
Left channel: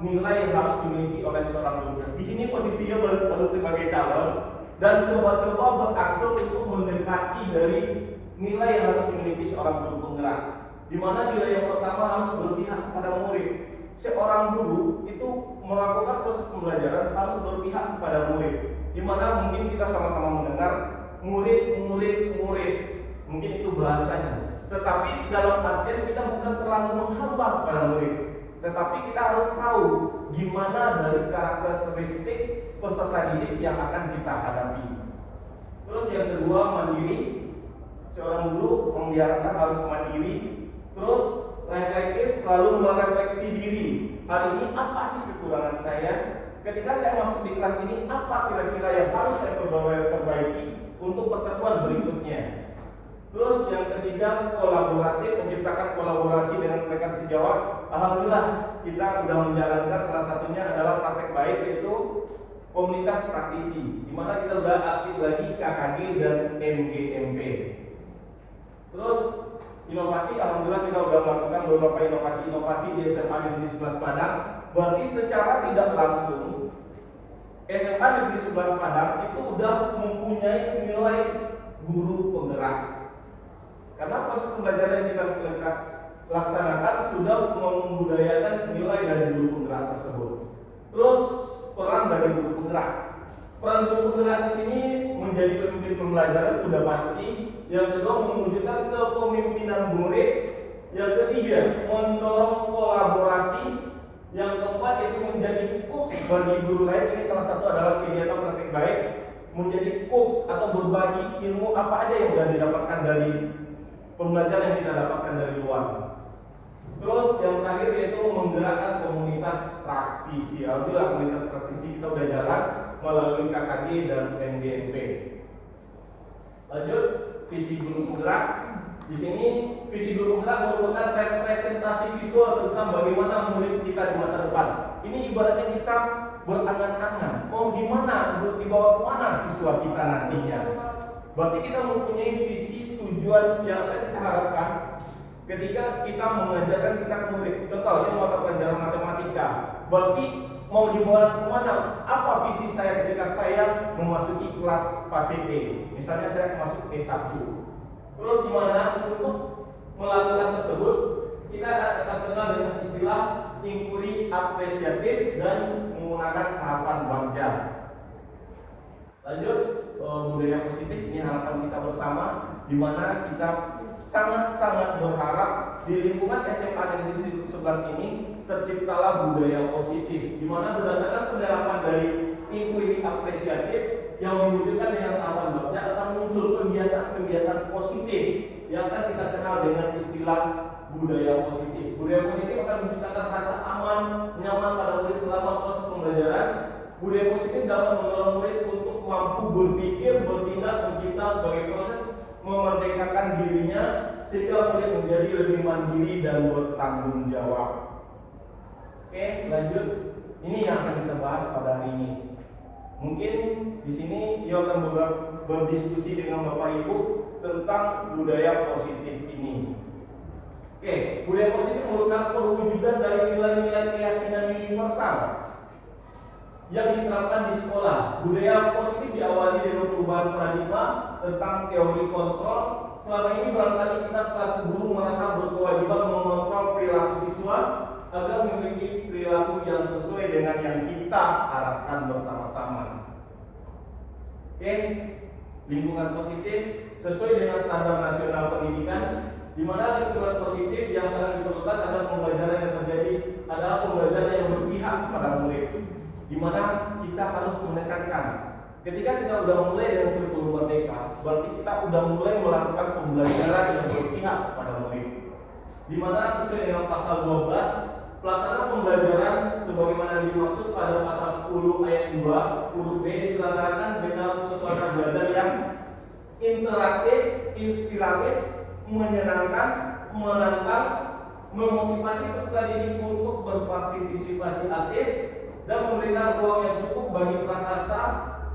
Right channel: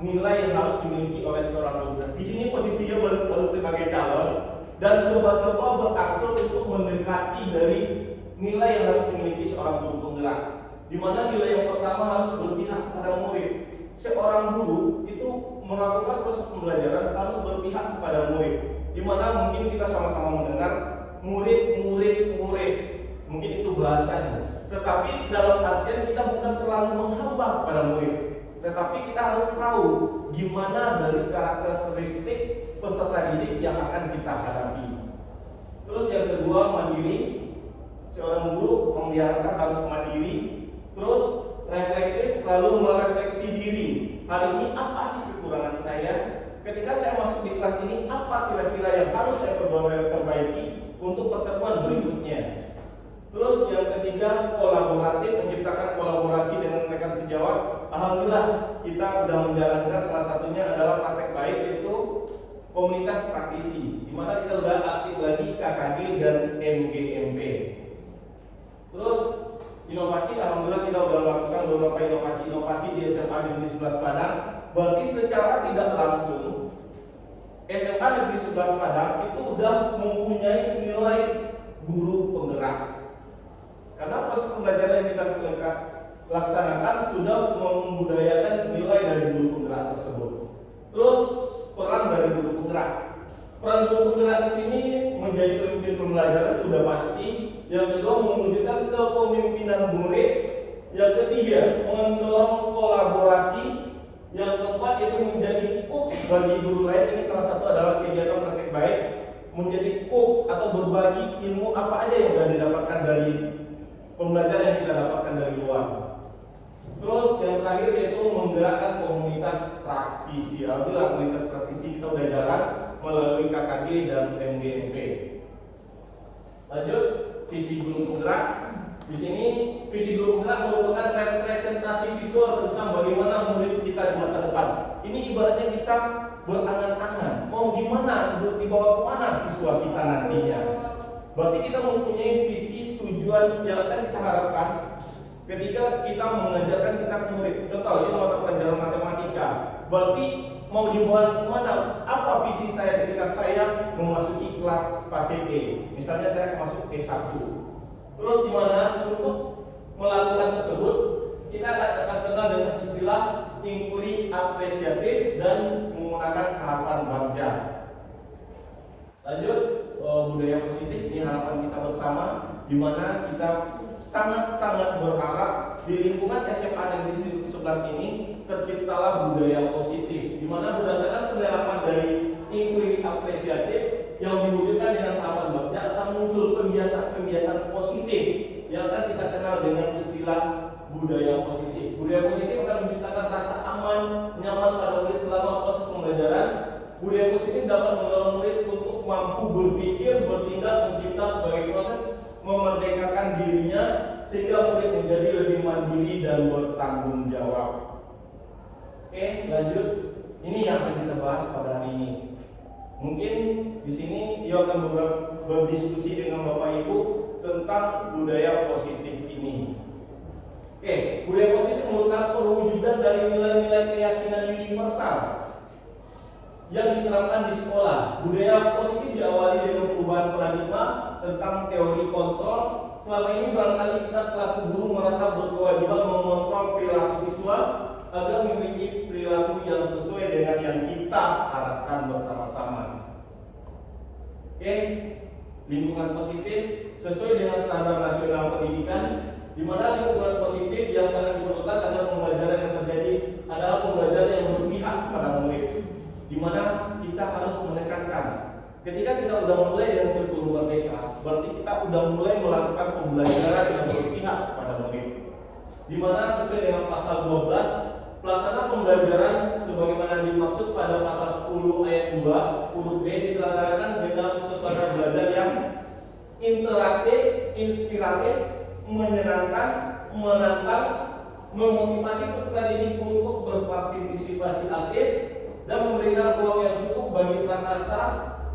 nilai yang harus dimiliki oleh seorang guru. Di sini posisinya baru sebagai calon dan coba-coba berangsur untuk mendekati dari nilai yang harus dimiliki seorang guru penggerak. Di mana nilai yang pertama harus berpihak kepada murid. Seorang guru itu melakukan proses pembelajaran harus berpihak kepada murid. Di mana mungkin kita sama-sama mendengar murid. Mungkin itu bahasanya. Tetapi dalam artian kita bukan terlalu menghamba kepada murid, tetapi kita harus tahu gimana dari karakteristik peserta didik yang akan kita hadapi. Terus yang kedua, mandiri. Seorang guru diharapkan harus mandiri. Terus reflektif, selalu merefleksi diri. Hari ini apa sih kekurangan saya? Ketika saya masuk di kelas ini, apa kira-kira yang harus saya perbaiki untuk pertemuan berikutnya? Terus yang ketiga, kolaboratif, menciptakan kolaborasi dengan rekan sejawat. Alhamdulillah kita sudah menjalankan, salah satunya adalah praktek baik, yaitu komunitas praktisi, di mana kita sudah aktif lagi KKG dan MGMP. Terus inovasi, alhamdulillah kita sudah melakukan beberapa inovasi di SMA Negeri 11 Padang. Berarti secara tidak langsung SMA Negeri 11 Padang itu sudah mempunyai nilai guru penggerak. Karena proses pembelajaran yang kita laksanakan sudah membudayakan nilai dari guru penggerak tersebut. Terus peran dari guru penggerak. Peran guru penggerak di sini menjadi pemimpin pembelajaran sudah pasti. Yang kedua, mewujudkan kepemimpinan murid. Yang ketiga, mendorong kolaborasi. Yang keempat, itu menjadi coach bagi guru lain. Ini salah satu adalah kegiatan praktek baik, menjadi coach atau berbagi ilmu apa aja yang sudah didapatkan dari pembelajaran yang kita dapatkan dari luar. Terus yang terakhir yaitu menggerakkan komunitas praktisi. Alhamdulillah komunitas praktisi kita sudah jalan melalui KKG dan MGMP. Lanjut, visi guru penggerak. Di sini visi guru penggerak merupakan representasi visual tentang bagaimana murid kita di masa depan. Ini ibaratnya kita berangan-angan mau gimana, dibawa kemana siswa kita nantinya. Berarti kita mempunyai visi tujuan yang akan kita harapkan ketika kita mengajarkan kita ke murid. Contohnya mata pelajaran matematika. Berarti mau dibawa kemana? Apa visi saya ketika saya memasuki kelas fase B? Misalnya saya masuk P1. Terus gimana untuk melakukan tersebut? Kita akan kenal dengan istilah inquiry apresiatif dan menggunakan harapan bagja. Lanjut, budaya positif ini harapan kita bersama, di mana kita sangat-sangat berharap di lingkungan SMA Negeri 11 ini terciptalah budaya positif, di mana berdasarkan penerapan dari inquiry apresiatif yang diwujudkan dengan harapan bagja akan muncul kebiasaan-kebiasaan positif yang akan kita kenal dengan istilah budaya positif. Budaya positif akan menciptakan rasa aman, nyaman pada murid selama proses pembelajaran. Budaya positif dapat mendorong murid untuk mampu berpikir, bertindak, mencipta sebagai proses memerdekakan dirinya sehingga murid menjadi lebih mandiri dan bertanggung jawab. Oke, lanjut. Ini yang akan kita bahas pada hari ini. Mungkin di sini Yo akan berdiskusi dengan Bapak Ibu tentang budaya positif ini. Oke, budaya positif merupakan perwujudan dari nilai-nilai keyakinan universal yang diterapkan di sekolah. Budaya positif diawali dengan perubahan paradigma tentang teori kontrol. Selama ini barangkali kita selaku guru merasa berkewajiban mengontrol perilaku siswa agar memiliki perilaku yang sesuai dengan yang kita harapkan bersama-sama. Oke, lingkungan positif sesuai dengan standar nasional pendidikan, di mana lingkungan positif yang sangat diperlukan agar pembelajaran yang terjadi adalah pembelajaran yang berpihak kepada murid, di mana kita harus menekankan ketika kita sudah mulai dengan kurikulum merdeka, berarti kita sudah mulai melakukan pembelajaran yang berpihak kepada murid, di mana sesuai dengan pasal 12 pelaksanaan pembelajaran sebagaimana dimaksud pada pasal 10 ayat 2 huruf B diselenggarakan dengan suasana belajar yang interaktif, inspiratif, menyenangkan, menantang, memotivasi peserta didik untuk berpartisipasi aktif dan memberikan ruang yang cukup bagi prakarsa,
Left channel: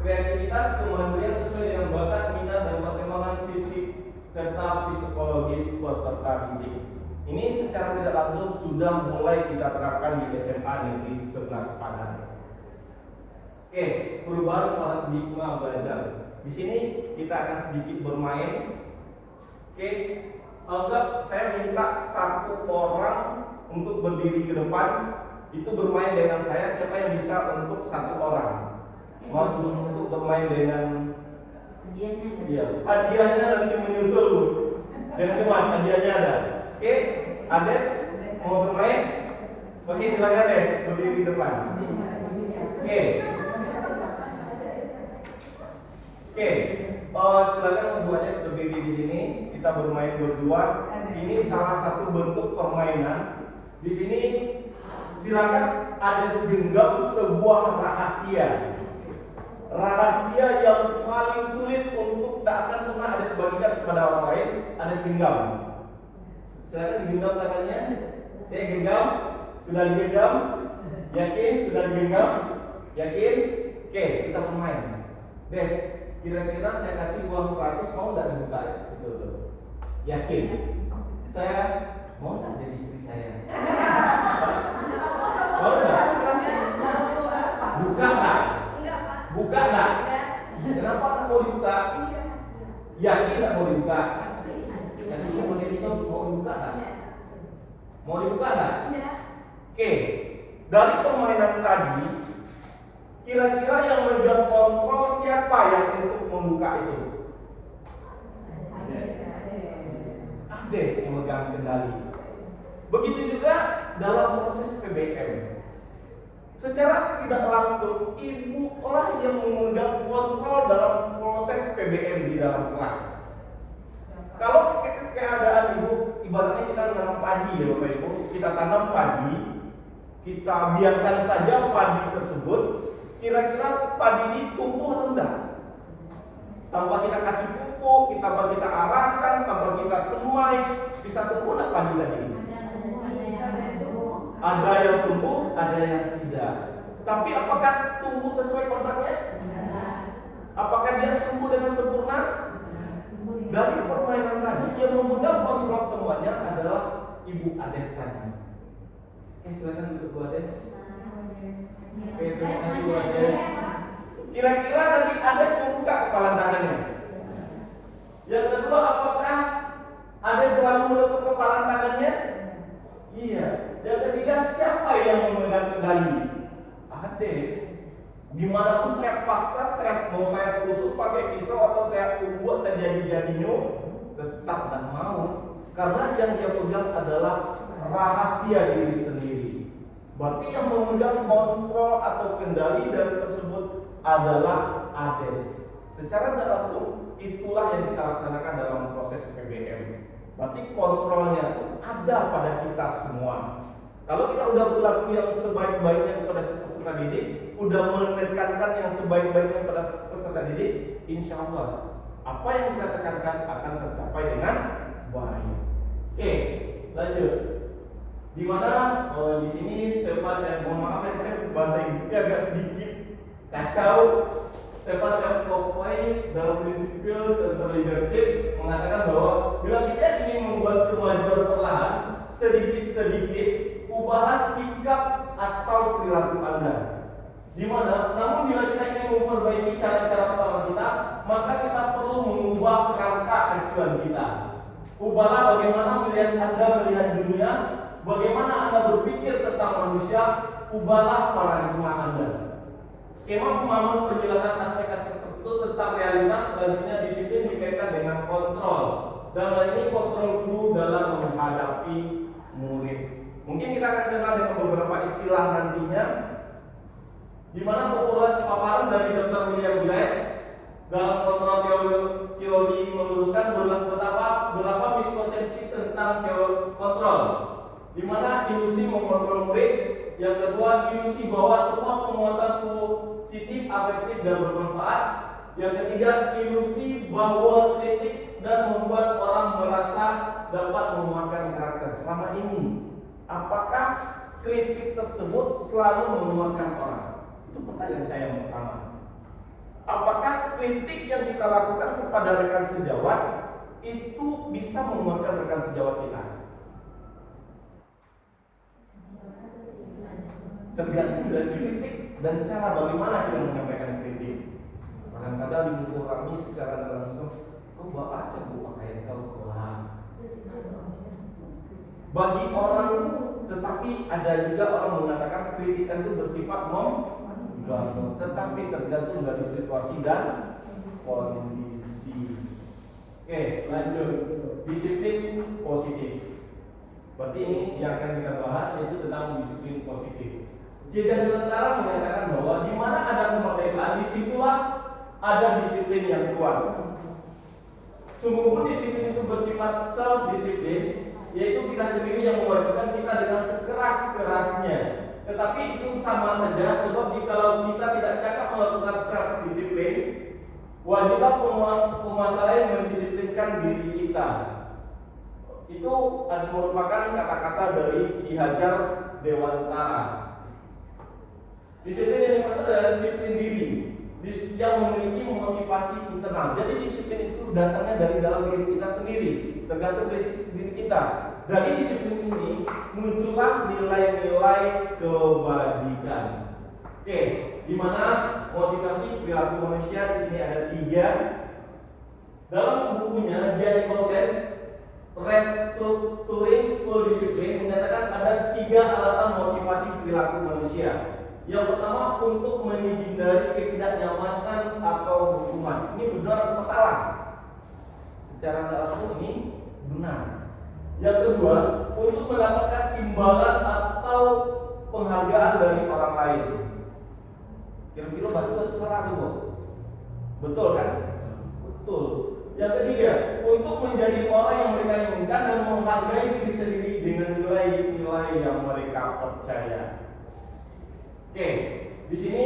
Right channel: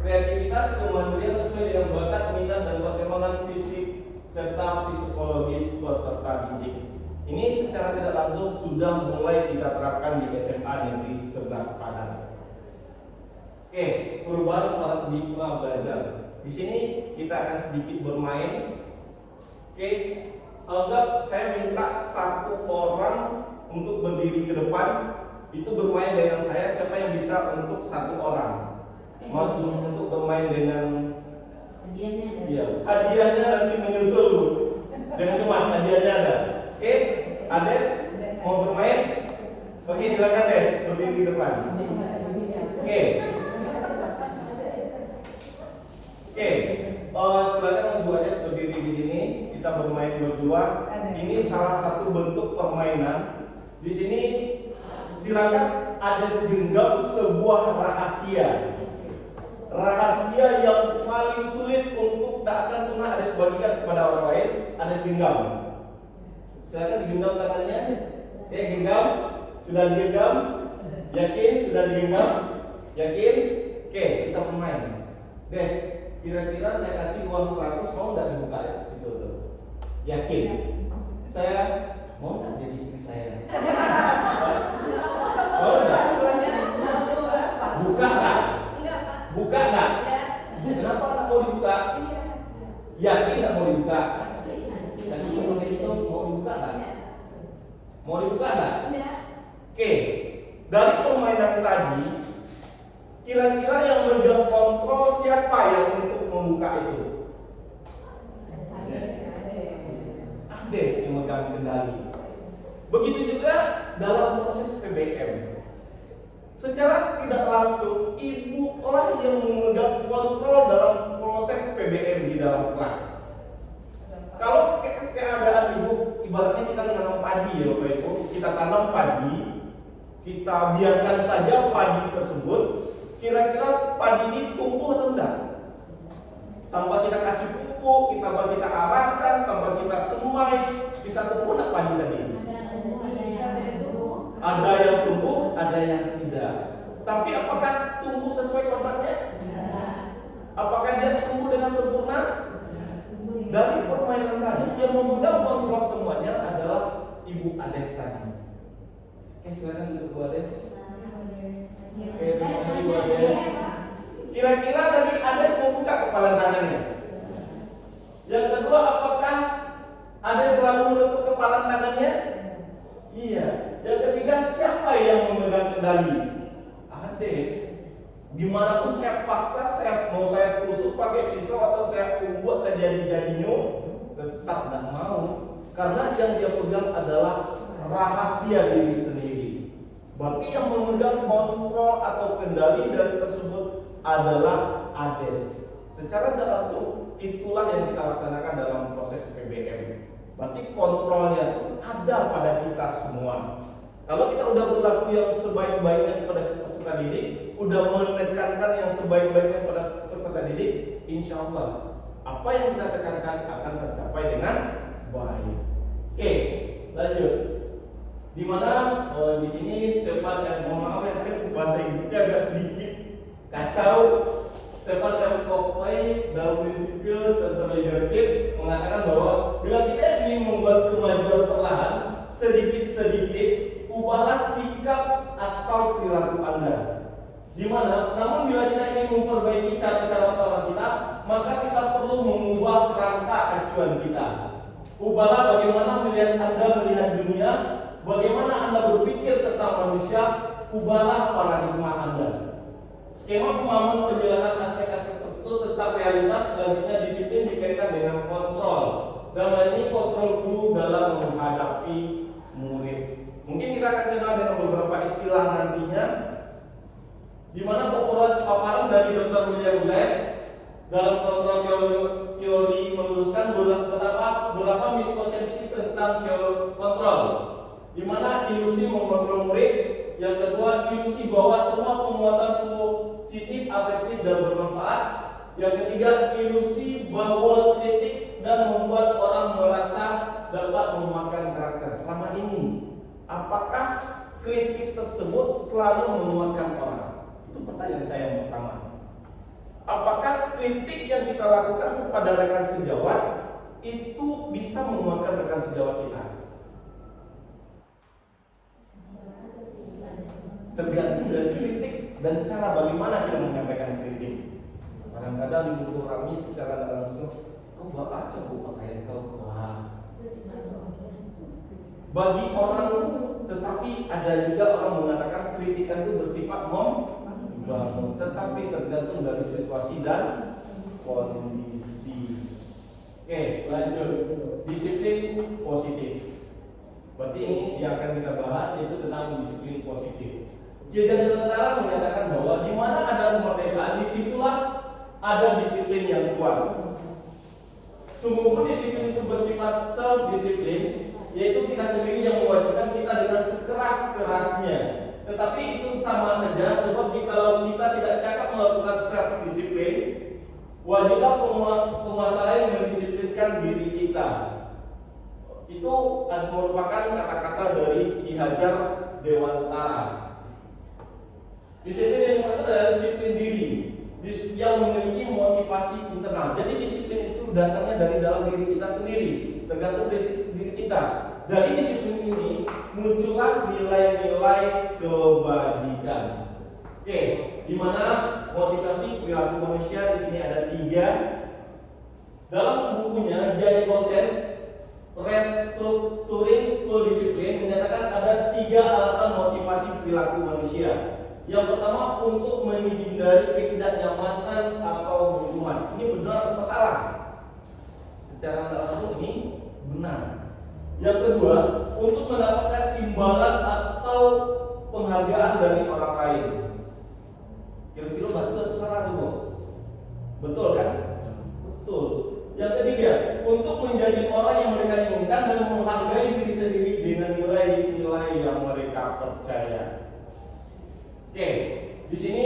kreativitas, kemandirian sesuai dengan bakat, minat dan perkembangan fisik serta psikologis peserta didik. Ini secara tidak langsung sudah mulai kita terapkan di SMA Negeri 11 Padang. Oke, perubahan paradigma belajar. Di sini kita akan sedikit bermain. Oke, anggap saya minta satu orang untuk berdiri ke depan, itu bermain dengan saya. Siapa yang bisa untuk satu orang? Mau untuk bermain dengan hadiahnya nanti menyusul. Jangan cemas, hadiahnya ada. Oke, Ades mau bermain? Oke, silakan Ades berdiri di depan. Oke. Silakan membuatnya seperti di sini. Kita bermain berdua. Ini salah satu bentuk permainan. Di sini silakan ada segenggam sebuah rahasia. Rahasia yang paling sulit untuk tak akan pernah ada sebagikan kepada orang lain. Ada segenggam. Silakan digenggam tangannya. Ya, genggam. Sudah digenggam? Yakin? Sudah digenggam? Yakin? Oke, kita bermain. Des, kira-kira saya kasih uang 100, mau nggak dibuka ya? Itu tuh. Yakin? Saya mau nggak jadi istri saya? Mau nggak? Buka nggak? Buka nggak? Kenapa nggak mau dibuka? Yakin nggak mau dibuka? Tadi cuma pakai pisau, mau dibuka nggak? Mau dibuka nggak? Oke, dari permainan tadi, kira-kira yang megang kontrol siapa yang untuk membuka itu? Ades yang megang kendali. Begitu juga dalam proses PBM. Secara tidak langsung, ibu lah yang memegang kontrol dalam proses PBM di dalam kelas. Kalau keadaan ibu, ibaratnya kita menanam padi ya Bapak Ibu, kita tanam padi, kita biarkan saja padi tersebut, kira-kira padi ini tumbuh atau enggak? Tanpa kita kasih pupuk, tanpa kita arahkan, tanpa kita semai, bisa tumbuh enggak padi tadi? Ada yang tumbuh, ada yang tidak. Tapi apakah tumbuh sesuai kontraknya? Apakah dia tumbuh dengan sempurna? Dari permainan tadi, yang memegang kontrol semuanya adalah Ibu Ades tadi. Oke, silakan duduk Bu Ades. Oke, terima kasih Bu Ades. Kira-kira tadi Ades membuka kepala tangannya. Yang kedua, apakah Ades selalu menutup kepala tangannya? Iya. Yang ketiga, siapa yang memegang kendali? Ades. Dimanapun saya paksa, mau saya tusuk pakai pisau atau saya buat saya jadi-jadinya, tetap tidak mau. Karena yang dia pegang adalah rahasia diri sendiri. Berarti yang memegang kontrol atau kendali dari tersebut adalah Ades. Secara tidak langsung, itulah yang kita laksanakan dalam proses PBM. Berarti kontrolnya itu ada pada kita semua. Kalau kita udah berlaku yang sebaik-baiknya kepada peserta didik, udah menekankan yang sebaik-baiknya kepada peserta didik, insya Allah apa yang kita tekankan akan tercapai dengan baik. Oke, lanjut. Dimana di sini Stefan mohon maaf ya, saya bahasa Inggrisnya agak sedikit kacau. Stefan M. Covey dalam prinsipil Center Leadership mengatakan bahwa bila kita ingin membuat kemajuan perlahan, sedikit-sedikit ubahlah sikap atau perilaku Anda. Dimana, namun bila kita ingin memperbaiki cara-cara perlahan kita, maka kita perlu mengubah kerangka acuan kita. Ubahlah bagaimana melihat Anda melihat dunia, bagaimana Anda berpikir tentang manusia, ubahlah paradigma Anda. Skema pemahaman penjelasan aspek-aspek tertentu tentang realitas selanjutnya disiplin dikaitkan dengan kontrol. Dan lain ini kontrol guru dalam menghadapi murid. Mungkin kita akan kenal dengan beberapa istilah nantinya, di mana paparan dari Dr. William Blass dalam kontrol teori meluruskan berapa miskonsepsi tentang teori kontrol. Di mana ilusi mengontrol murid, yang kedua ilusi bahwa semua penguatan positif, afektif dan bermanfaat, yang ketiga ilusi bahwa kritik dan membuat orang merasa dapat menguatkan karakter. Selama ini, apakah kritik tersebut selalu menguatkan orang? Itu pertanyaan saya yang pertama. Apakah kritik yang kita lakukan kepada rekan sejawat itu bisa menguatkan rekan sejawat kita? Tergantung dari kritik dan cara bagaimana kita menyampaikan kritik. Kadang-kadang di buku kami secara langsung, kau baca buku ayat kau, wah. Bagi orang, tetapi ada juga orang mengatakan kritikan itu bersifat membangun, tetapi tergantung dari situasi dan kondisi. Oke, lanjut. Disiplin positif. Berarti ini yang akan kita bahas yaitu tentang disiplin positif. Jajaran Tentara menyatakan bahwa di mana ada kemerdekaan, disitulah ada disiplin yang kuat. Sungguh pun disiplin itu bersifat self-disiplin, yaitu kita sendiri yang mewajibkan kita dengan sekeras-kerasnya. Tetapi itu sama saja, sebab jikalau kita tidak cakap melakukan self-disiplin, wajiblah penguasa lain mendisiplinkan diri kita. Itu merupakan kata-kata dari Ki Hajar Dewantara. Disiplin yang dimaksud adalah disiplin diri yang memiliki motivasi internal. Jadi disiplin itu datangnya dari dalam diri kita sendiri, tergantung dari diri kita. Dari disiplin ini muncullah nilai-nilai kebajikan. Oke, di mana motivasi perilaku manusia di sini ada 3. Dalam bukunya Jane Gosen, Restructuring School Discipline menyatakan ada 3 alasan motivasi perilaku manusia. Yang pertama, untuk menghindari ketidaknyamanan atau hukuman. Ini benar atau salah? Secara langsung ini benar. Yang kedua, untuk mendapatkan imbalan atau penghargaan dari orang lain. Kira-kira betul atau salah itu? Betul kan? Betul. Yang ketiga, untuk menjadi orang yang mereka inginkan dan menghargai diri sendiri dengan nilai-nilai yang mereka percaya. Oke, di sini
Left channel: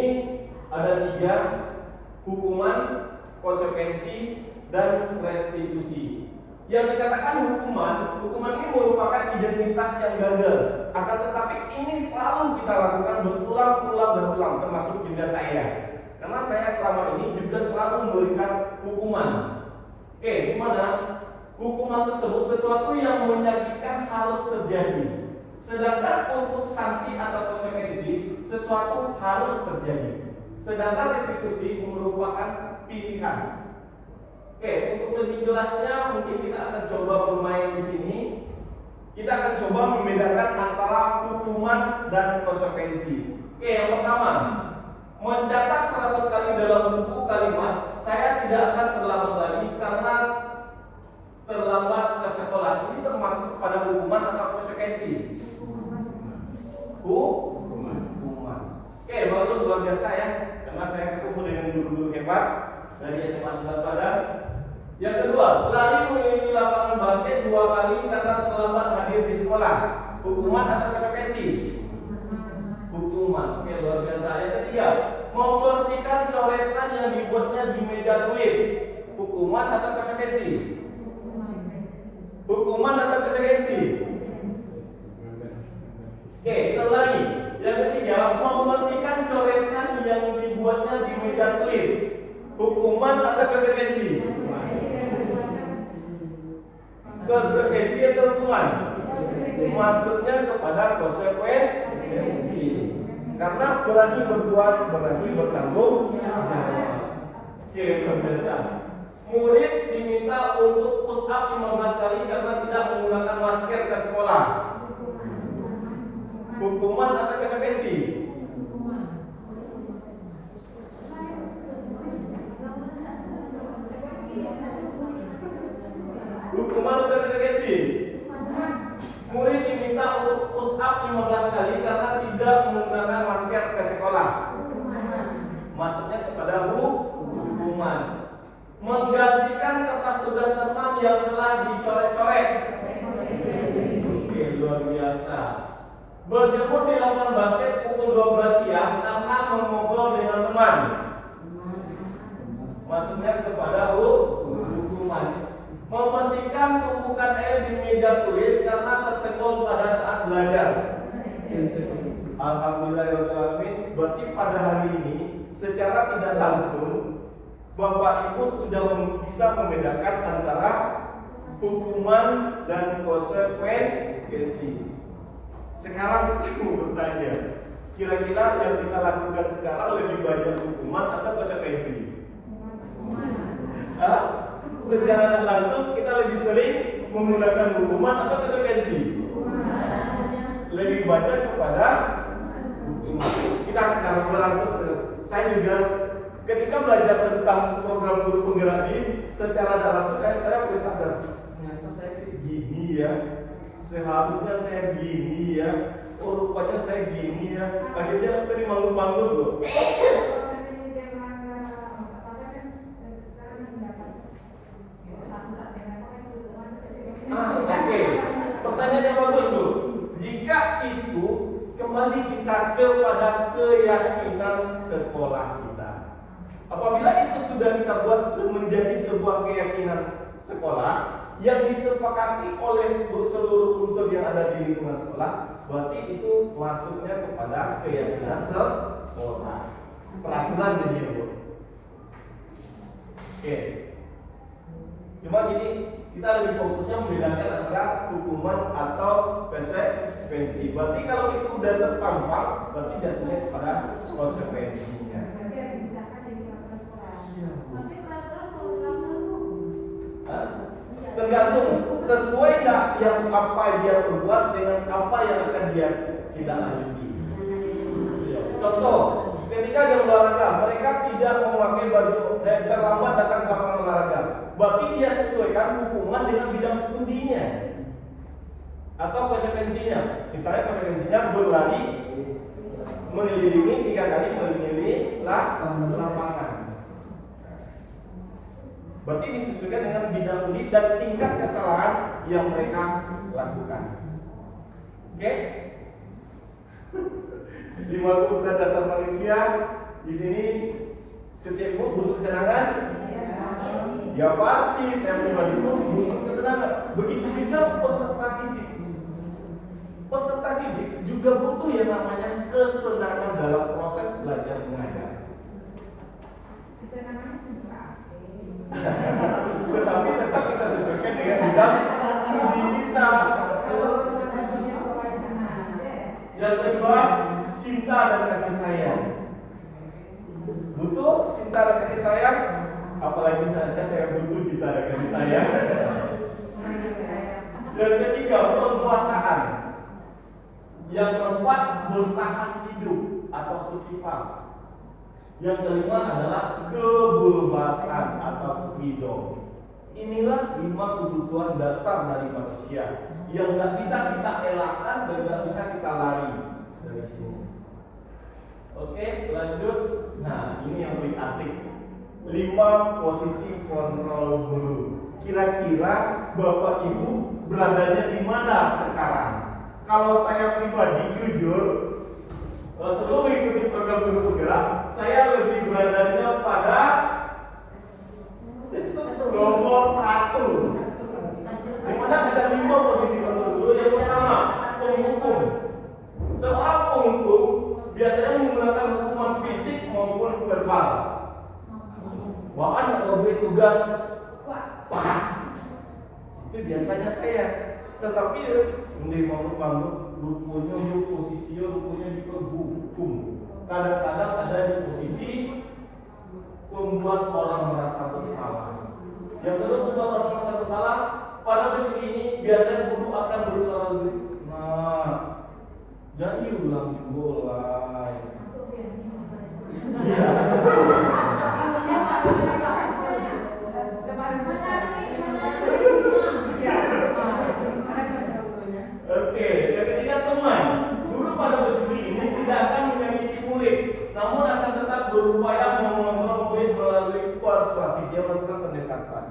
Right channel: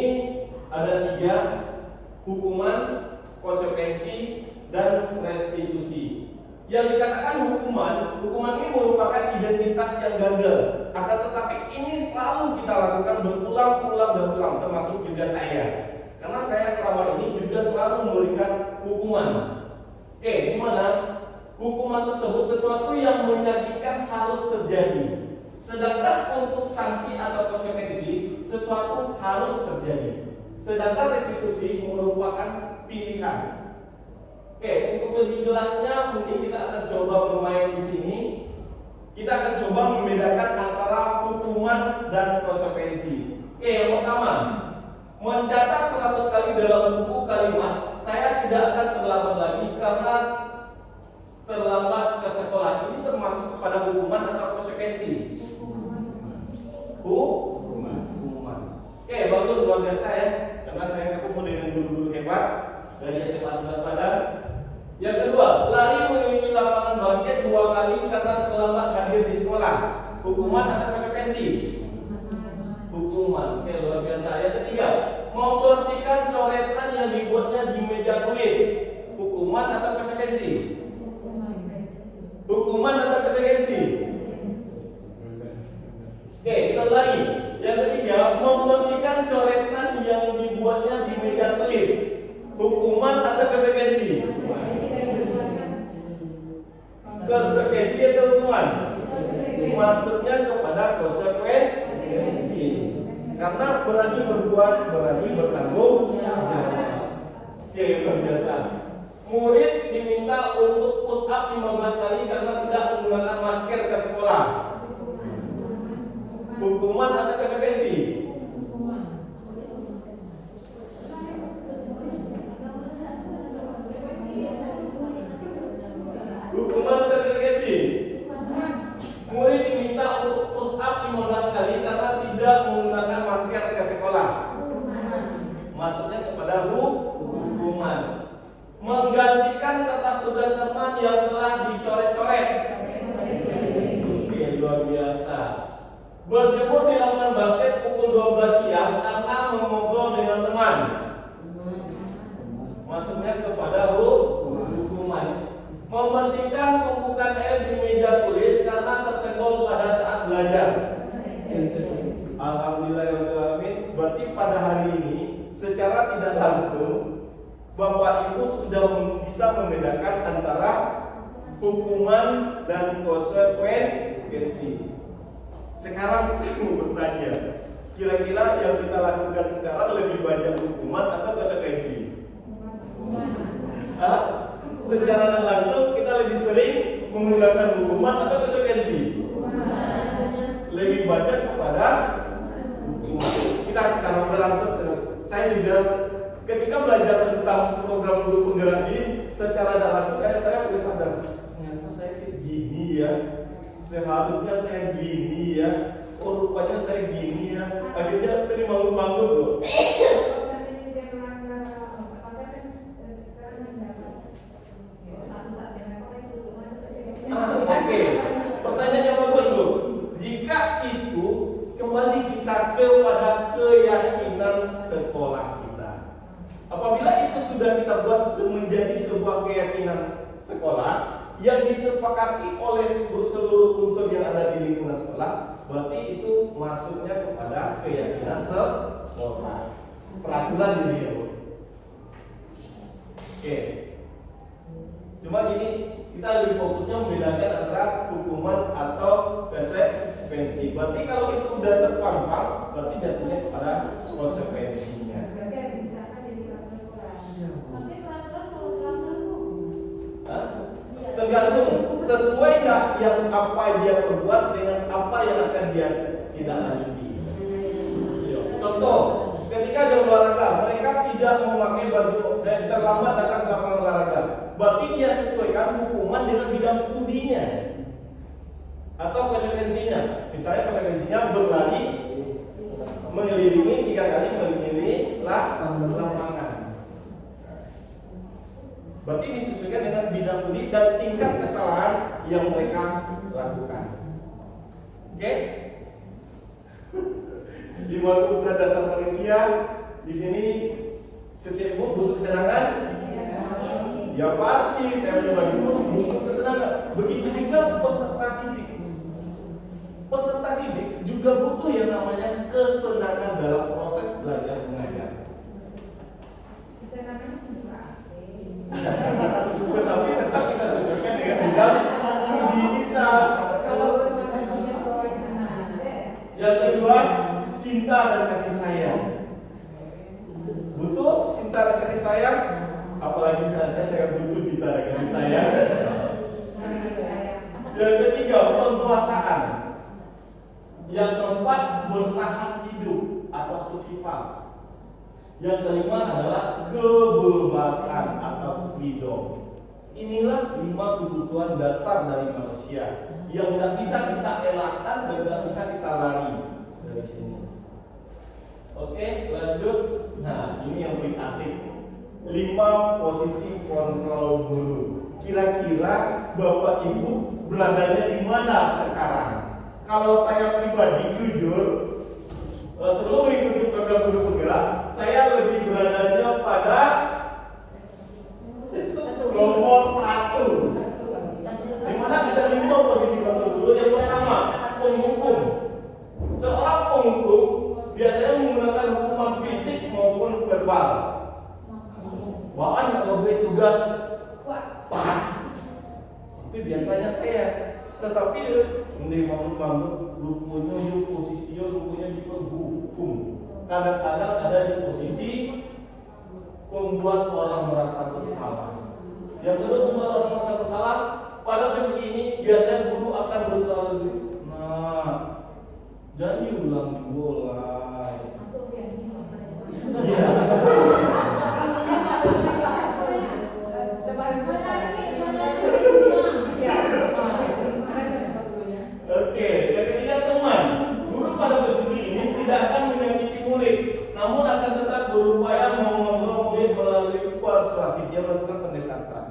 ada 3: hukuman, konsekuensi, dan restitusi. Yang dikatakan hukuman ini merupakan identitas yang gagal. Akan tetapi ini selalu kita lakukan berulang-ulang, termasuk juga saya. Karena saya selama ini juga selalu memberikan hukuman. Oke, di mana hukuman tersebut sesuatu yang menyakitkan harus terjadi. Sedangkan untuk sanksi atau konsekuensi, sesuatu harus terjadi. Sedangkan restitusi merupakan pilihan. Oke, untuk lebih jelasnya mungkin kita akan coba bermain di sini. Kita akan coba membedakan antara hukuman dan konsekuensi. Oke, yang pertama, mencatat 100 kali dalam buku kalimat, saya tidak akan terlambat lagi karena terlambat ke sekolah. Ini termasuk kepada hukuman atau konsekuensi? Hukuman. Oke, bagus, luar biasa ya. Karena saya ketemu dengan guru-guru hebat dari SMA 11 Padang. Yang kedua, lari mengelilingi lapangan basket 2 kali karena terlambat hadir di sekolah. Hukuman atau konsekuensi? Hukuman. Oke, luar biasa. Yang ketiga, membersihkan coretan yang dibuatnya di meja tulis. Hukuman atau konsekuensi? Hukuman atau konsekuensi? Oke, kita ulangi. Yang ketiga, membersihkan coretan yang dibuatnya di meja tulis. Hukuman atau konsekuensi? Konsekuensi atau hukuman? Masuknya kepada konsekuensi. Karena berani berbuat, berani bertanggung jawab. Oke, luar biasa. Murid diminta untuk push up 15 kali karena tidak menggunakan masker ke sekolah. Hukuman atau konsekuensi? Hukuman atau konsekuensi? Murid diminta untuk push up 15 kali karena tidak menggunakan masker ke sekolah. Masuknya kepada hukuman. Menggantikan kertas tugas teman yang telah dicoret-coret. Oke, luar biasa. Berjemur di lapangan basket pukul 12 siang karena mengobrol dengan teman. Masuknya kepada hukuman. Membersihkan tumpukan air di meja tulis karena tersenggol pada saat belajar. Alhamdulillahirrahmanirrahim. Berarti pada hari ini secara tidak langsung Bapak Ibu sudah bisa membedakan antara hukuman dan konsekuensi. Sekarang saya mau bertanya, kira-kira yang kita lakukan sekarang lebih banyak hukuman atau konsekuensi? Secara tidak langsung kita lebih sering menggunakan hukuman atau konsekuensi? Lebih banyak kepada hukuman. Kita sekarang berlangsung. Saya juga ketika belajar tentang program guru penggerak ini, secara tidak langsung saya mulai sadar, ternyata saya kayak gini ya. Seharusnya saya gini ya. Oh, rupanya saya gini ya. Akhirnya sering bangun-bangun loh. Oke. Pertanyaannya bagus loh. Jika itu kembali kita kepada keyakinan sekolah kita. Apabila itu sudah kita buat menjadi sebuah keyakinan sekolah yang disepakati oleh seluruh unsur yang ada di lingkungan sekolah, berarti itu masuknya kepada keyakinan sekolah. Peraturan jadi ya, Bu. Oke. Cuma gini, kita lebih fokusnya membedakan antara hukuman atau konsekuensi. Berarti kalau itu udah terpampang, berarti jatuhnya kepada konsekuensinya. Tergantung sesuai nggak yang apa dia perbuat dengan apa yang akan dia tidak lanjuti. Contoh, ketika jam olahraga mereka tidak memakai baju terlambat datang ke lapangan olahraga, berarti dia sesuaikan hukuman dengan bidang studinya atau konsekuensinya. Misalnya konsekuensinya berlari mengelilingi 3 kali mengelilingi lapangan. Berarti disesuaikan dengan bidang studi dan tingkat kesalahan yang mereka lakukan. Oke? 5 kebutuhan dasar manusia di sini setiap ibu butuh kesenangan. Ya pasti saya pribadi pun butuh kesenangan. Begitu juga peserta didik. Peserta didik juga butuh yang namanya kesenangan dalam proses belajar mengajar. Tetapi tetap kita sesuaikan dengan bidang studi kita. Yang kedua, cinta dan kasih sayang. Butuh cinta dan kasih sayang. Apalagi saya butuh kita dengan saya. Yang ketiga, penguasaan. Yang keempat, bertahan hidup atau survival. Yang kelima adalah kebebasan atau freedom. Inilah 5 kebutuhan dasar dari manusia yang nggak bisa kita elakkan dan nggak bisa kita lari dari sini. Oke, lanjut. Nah, ini yang paling asik. 5 posisi kontrol guru. Kira-kira Bapak Ibu beradanya di mana sekarang? Kalau saya pribadi jujur, sebelum mengikuti program Guru Segera, saya lebih beradanya pada nomor 1. Di mana ada 5 posisi kontrol guru. Yang pertama, penghukum. Seorang penghukum biasanya menggunakan hukuman fisik maupun verbal. Bahkan kalau beri tugas, Pak, itu biasanya saya. Tetapi ini bangun-bangun, rupanya posisinya di penghukum. Kadang-kadang ada di posisi membuat orang merasa bersalah. Yang kedua, membuat orang merasa bersalah. Pada posisi ini biasanya guru akan berusaha lebih. Nah, jangan diulang. Iya. Oke, yang ketiga teman. Guru pada posisi ini tidak akan menyakiti murid, namun akan tetap berupaya mengontrol murid melalui persuasi. Dia melakukan pendekatan.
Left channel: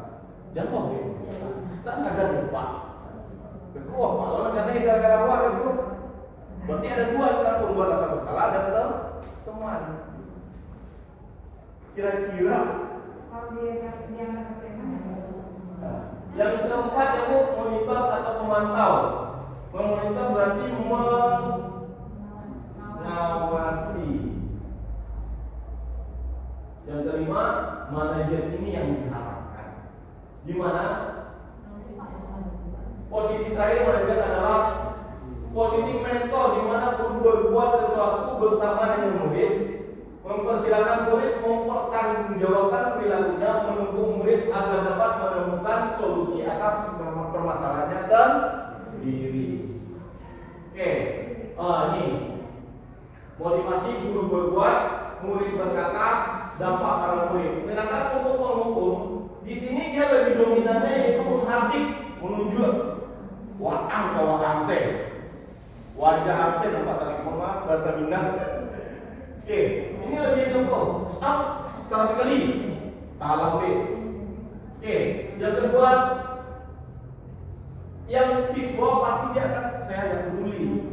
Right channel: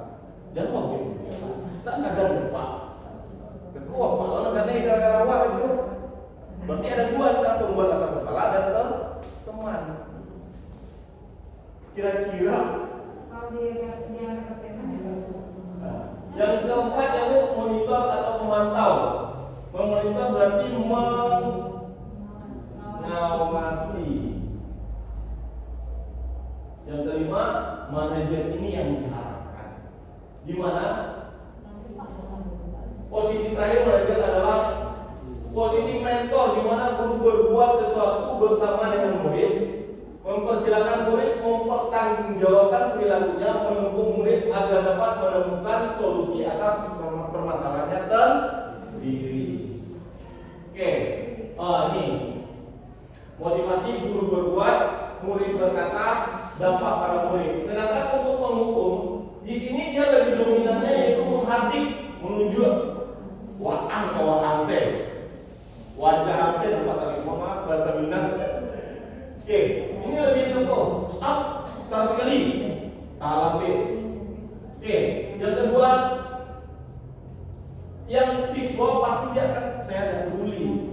Jangan mau gitu. Tak sadar lupa. Wah, kalau negara gara-gara awal itu berarti ada 2 cara pembuat rasa bersalah dan teman. Kira-kira yang keempat yaitu monitor atau memantau. Memonitor berarti mengawasi. Yang kelima, manajer ini yang diharapkan. Di mana posisi terakhir manajer adalah posisi mentor, di mana guru berbuat sesuatu bersama dengan murid, mempersilakan murid mempertanggungjawabkan perilakunya, mendukung murid agar dapat menemukan solusi atas permasalahannya sendiri. Oke, ini motivasi guru berbuat, murid berkata, dampak pada murid. Sedangkan untuk penghukum, di sini dia lebih dominannya yaitu menghadik, menunjuk waang ke waang se, wajah angse tempat tadi maaf bahasa Minang. Oke, ini lebih dulu. Stop, sekarang kali. Talang deh. Oke, yang kedua, yang siswa pasti dia akan saya ada peduli.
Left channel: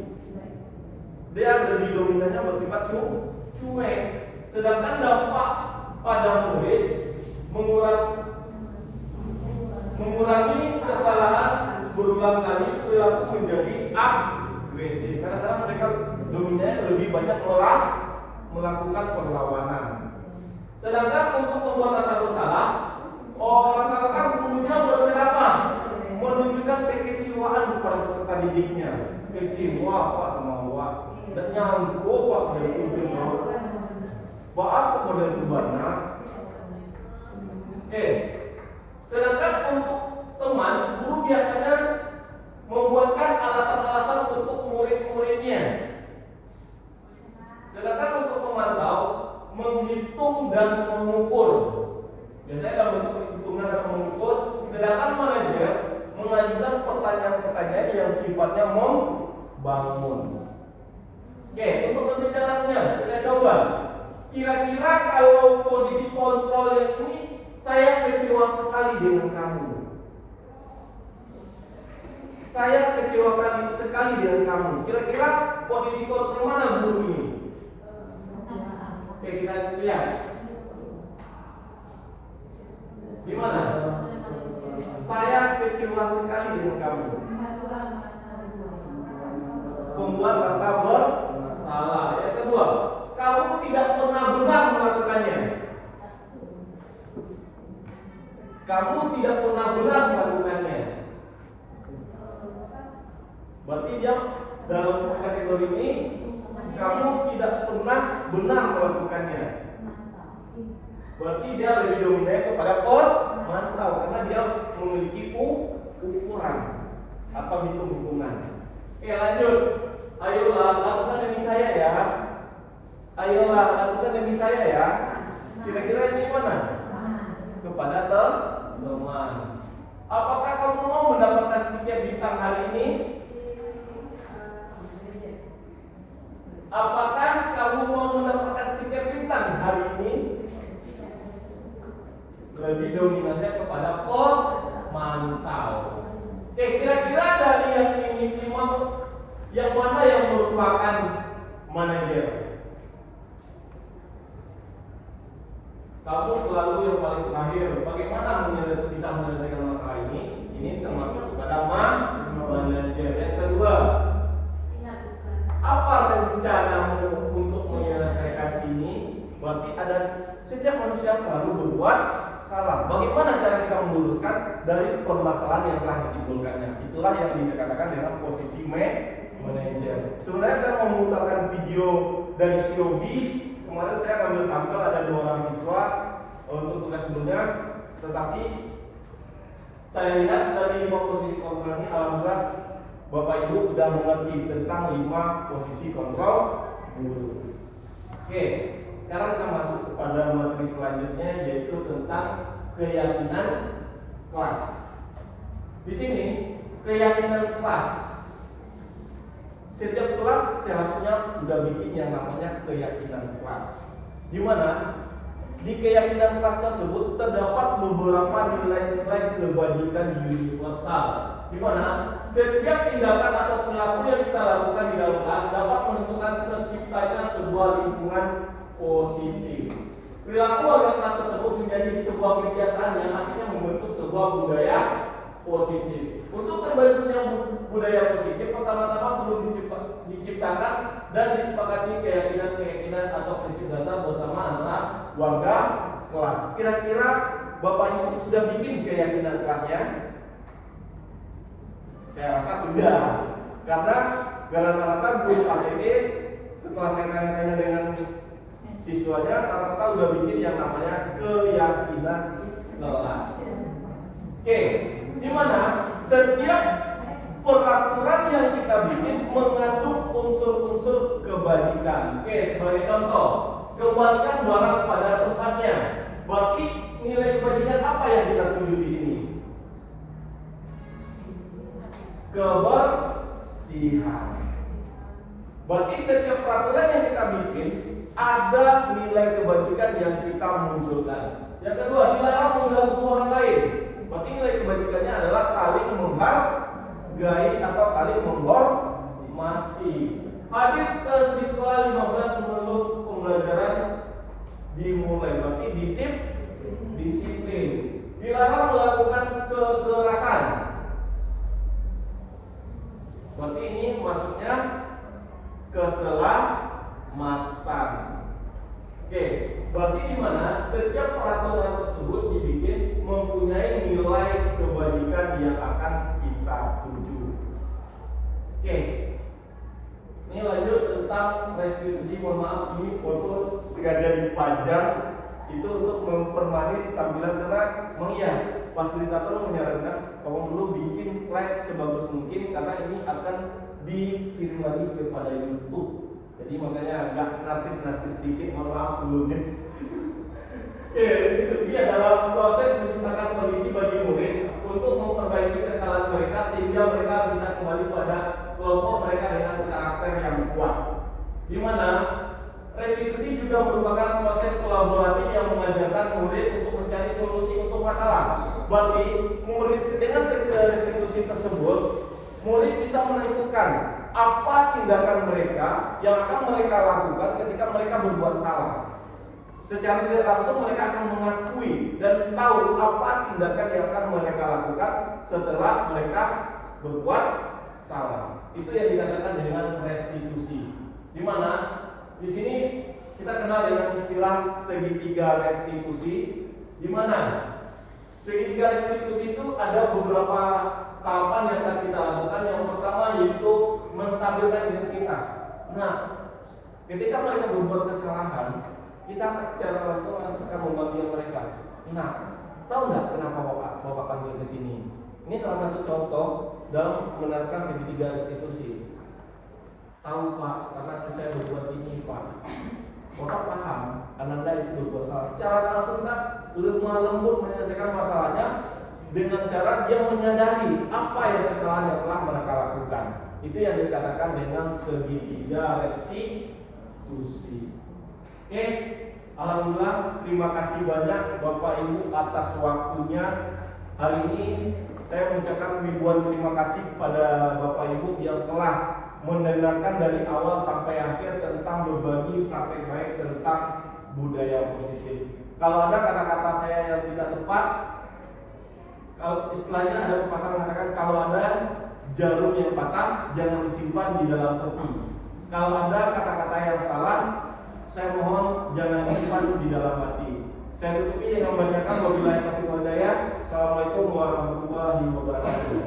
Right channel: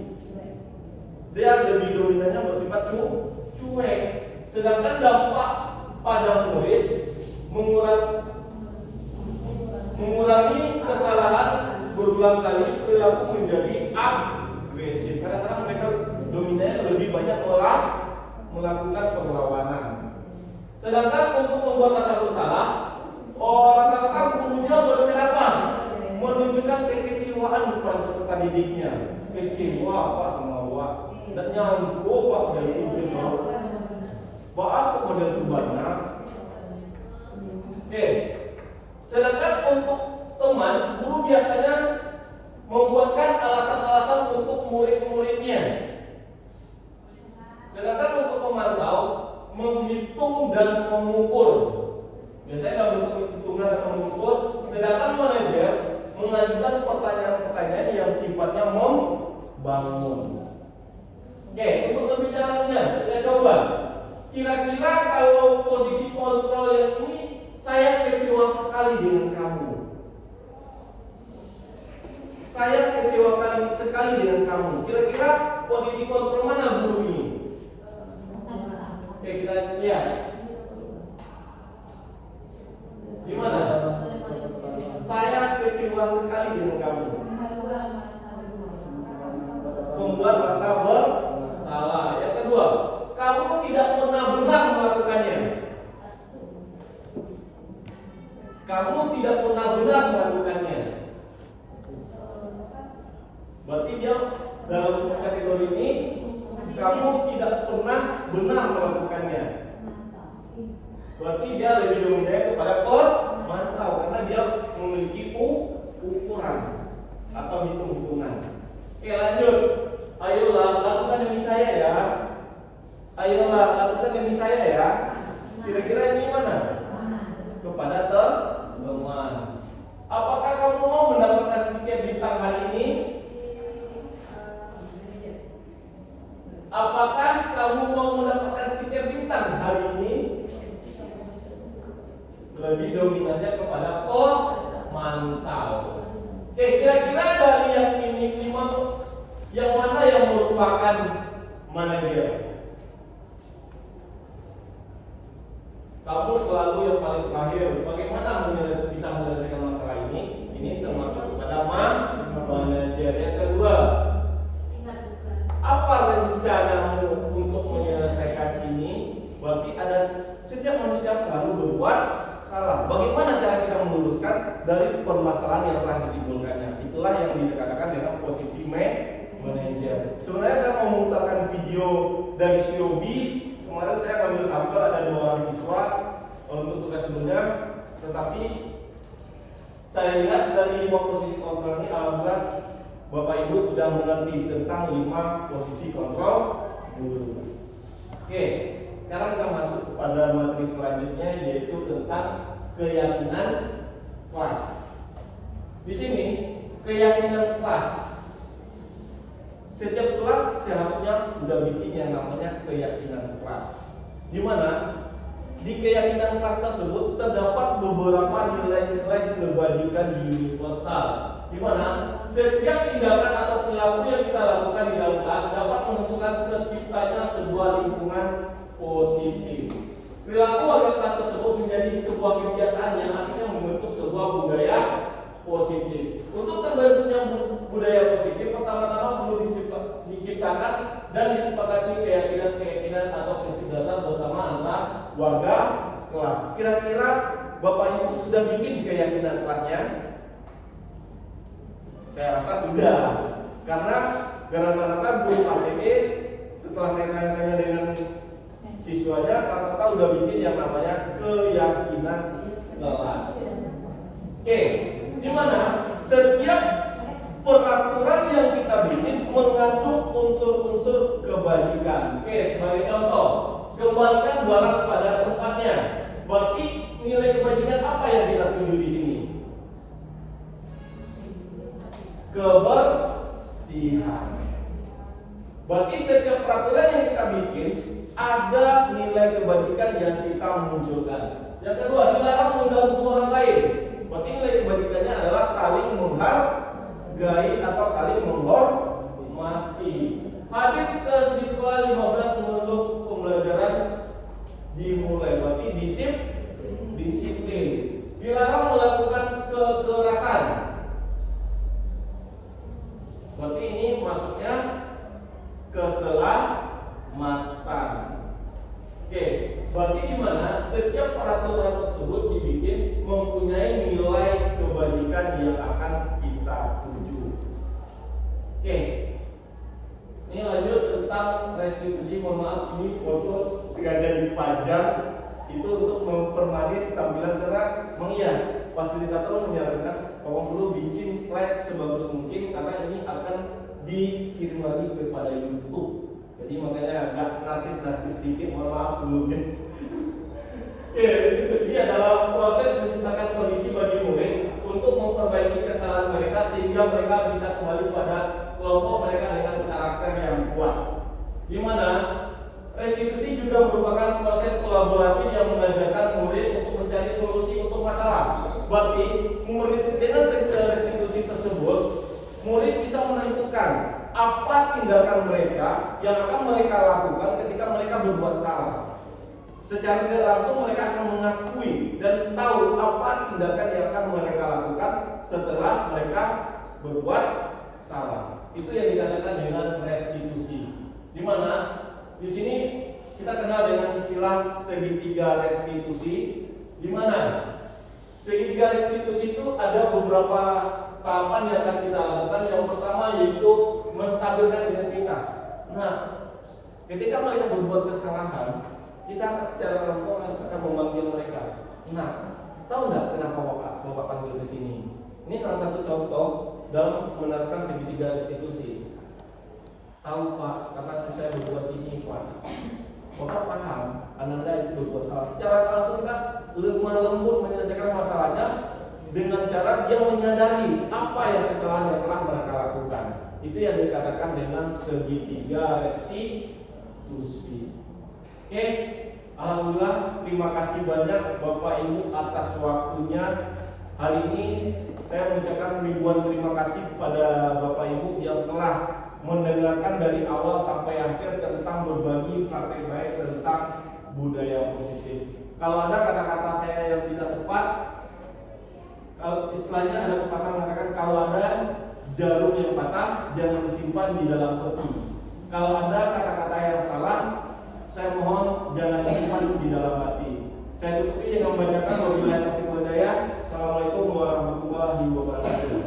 Dia lebih dominannya bersifat cuek. Sedangkan dampak pada murid mengurangi kesalahan berulang kali, perilaku menjadi agresif. Kadang-kadang mereka dominannya lebih banyak melakukan perlawanan. Sedangkan untuk membuat rasa bersalah, rata-rata gurunya berceramah menunjukkan kekecewaan kepada peserta didiknya. Kecewa Pak sama Wak, dan nyangkut Pak dari ujung Bapak kemudian subana. Oke. Sedangkan untuk teman, guru biasanya membuatkan alasan-alasan untuk murid-muridnya. Sedangkan untuk pemantau, menghitung dan mengukur. Biasanya dalam bentuk hitungan dan mengukur. Sedangkan manajer mengajukan pertanyaan-pertanyaan yang sifatnya membangun. Oke, untuk lebih jelasnya, kita coba. Kira-kira kalau posisi kontrol yang ini, saya kecewa sekali dengan kamu. Saya kecewa sekali dengan kamu. Kira-kira posisi kontrol mana guru ini? Oke, kita lihat. Gimana? Saya kecewa sekali dengan kamu. Membuat rasa bersalah. Yang kedua, kamu tidak pernah benar melakukannya. Kamu tidak pernah benar melakukannya. Berarti dia dalam kategori ini, kamu tidak pernah benar melakukannya. Berarti dia lebih dominan kepada pemantau karena dia memiliki ukuran atau hitung-hitungan. Oke, lanjut. Ayolah, lakukan demi saya ya. Ayolah, lakukan demi saya ya. Kira-kira ini mana? Kepada teman. Apakah kamu mau mendapatkan sedikit bintang hari ini? Apakah kamu mau mendapatkan stiker bintang hari ini? Lebih dominannya kepada pemantau. Oke, kira-kira dari yang ini 5, yang mana yang merupakan manajer? Kamu selalu yang paling terakhir. Bagaimana bisa menyelesaikan masalah ini? Ini termasuk kepada manajer. Yang kedua, apa rencanamu untuk menyelesaikan ini? Berarti ada setiap manusia selalu berbuat salah. Bagaimana cara kita meluruskan dari permasalahan yang telah ditimbulkannya? Itulah yang dikatakan dengan posisi manajer. Sebenarnya saya mau memutarkan video dari Shiobi. Kemarin saya ngambil sampel ada 2 orang siswa untuk tugas sebelumnya, tetapi saya lihat dari 5 posisi kontrol ini, alhamdulillah Bapak Ibu sudah mengerti tentang 5 posisi kontrol guru. Oke, sekarang kita masuk kepada materi selanjutnya, yaitu tentang keyakinan kelas. Di sini keyakinan kelas. Setiap kelas seharusnya sudah bikin yang namanya keyakinan kelas. Di mana di keyakinan kelas tersebut terdapat beberapa nilai-nilai kebajikan universal, di mana setiap tindakan atau perilaku yang kita lakukan di dalam kelas dapat menentukan terciptanya sebuah lingkungan positif. Perilaku warga kelas tersebut menjadi sebuah kebiasaan yang akhirnya membentuk sebuah budaya positif. Untuk terbentuknya budaya positif, pertama-tama perlu diciptakan dan disepakati keyakinan atau prinsip dasar bersama antara warga kelas. Kira-kira Bapak Ibu sudah bikin keyakinan kelasnya? Saya rasa sudah, karena rata-rata guru KCP setelah saya tanya-tanya dengan siswanya, rata-rata sudah bikin yang namanya keyakinan kelas. Oke, di mana setiap peraturan yang kita bikin mengandung unsur-unsur kebajikan. Oke, sebagai contoh, kembalikan barang pada tempatnya. Berarti nilai kebajikan apa yang kita tuju di sini? Kebersihan. Berarti setiap peraturan yang kita bikin ada nilai kebajikan yang kita munculkan. Yang kedua, dilarang mengganggu orang lain. Berarti nilai kebajikannya adalah saling menghargai atau saling menghormati. Hadir di sekolah 15 sebelum pembelajaran dimulai. Berarti disiplin. Dilarang melakukan kekerasan. Berarti ini maksudnya keselamatan. Oke, berarti di mana setiap peraturan tersebut dibikin mempunyai nilai kebajikan yang akan kita tuju. Oke, ini lanjut tentang restitusi. Mohon maaf, ini foto sengaja dipajang itu untuk mempermanis tampilan karena fasilitator menyarankan kamu perlu bikin slide sebagus mungkin karena ini akan dikirim lagi kepada YouTube. Jadi makanya agak narsis sedikit, mohon maaf sebelumnya. Restitusi adalah proses menciptakan kondisi bagi murid untuk memperbaiki kesalahan mereka sehingga mereka bisa kembali pada kelompok mereka dengan karakter yang kuat. Di mana restitusi juga merupakan proses kolaboratif yang mengajarkan murid untuk mencari solusi untuk masalah. Berarti murid dengan restitusi tersebut, murid bisa menentukan apa tindakan mereka yang akan mereka lakukan ketika mereka berbuat salah. Secara tidak langsung mereka akan mengakui dan tahu apa tindakan yang akan mereka lakukan setelah mereka berbuat salah. Itu yang dikatakan dengan restitusi. Di mana di sini kita kenal dengan istilah segitiga restitusi. Di mana segitiga restitusi itu ada beberapa tahapan yang akan kita lakukan. Yang pertama yaitu menstabilkan identitas. Nah, ketika mereka berbuat kesalahan, Kita secara langsung akan memanggil mereka. Nah, tahu nggak kenapa Bapak panggil di sini? Ini salah satu contoh dalam menerapkan segitiga restitusi. Tahu Pak, karena saya berbuat ini Pak. Bapak paham, Anda itu berbuat salah. Secara langsung kita lemah lembut menyelesaikan masalahnya dengan cara dia menyadari apa yang kesalahan yang telah mereka lakukan. Itu yang dikatakan dengan segitiga restitusi. Oke, alhamdulillah, terima kasih banyak Bapak Ibu atas waktunya. Hari ini saya mengucapkan ribuan terima kasih kepada Bapak Ibu yang telah mendengarkan dari awal sampai akhir tentang berbagi praktek baik tentang budaya positif. Kalau ada kata-kata saya yang tidak tepat, kalau istilahnya ada pepatah mengatakan kalau ada jarum yang patah jangan disimpan di dalam peti. Kalau ada kata-kata yang salah, saya mohon jangan disimpan di dalam hati. Saya tutupi dengan membacakan wabillahi taufiq wal hidayah. Assalamualaikum warahmatullahi wabarakatuh.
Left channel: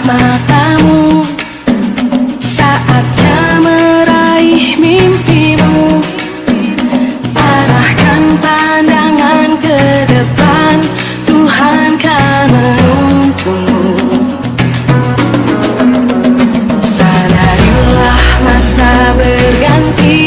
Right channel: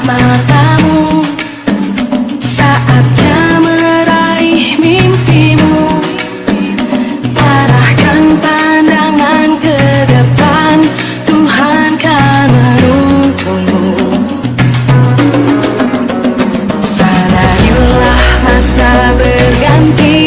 Matamu saatnya meraih mimpimu, arahkan pandangan ke depan, Tuhan kan menuntunmu. Sadarilah masa berganti,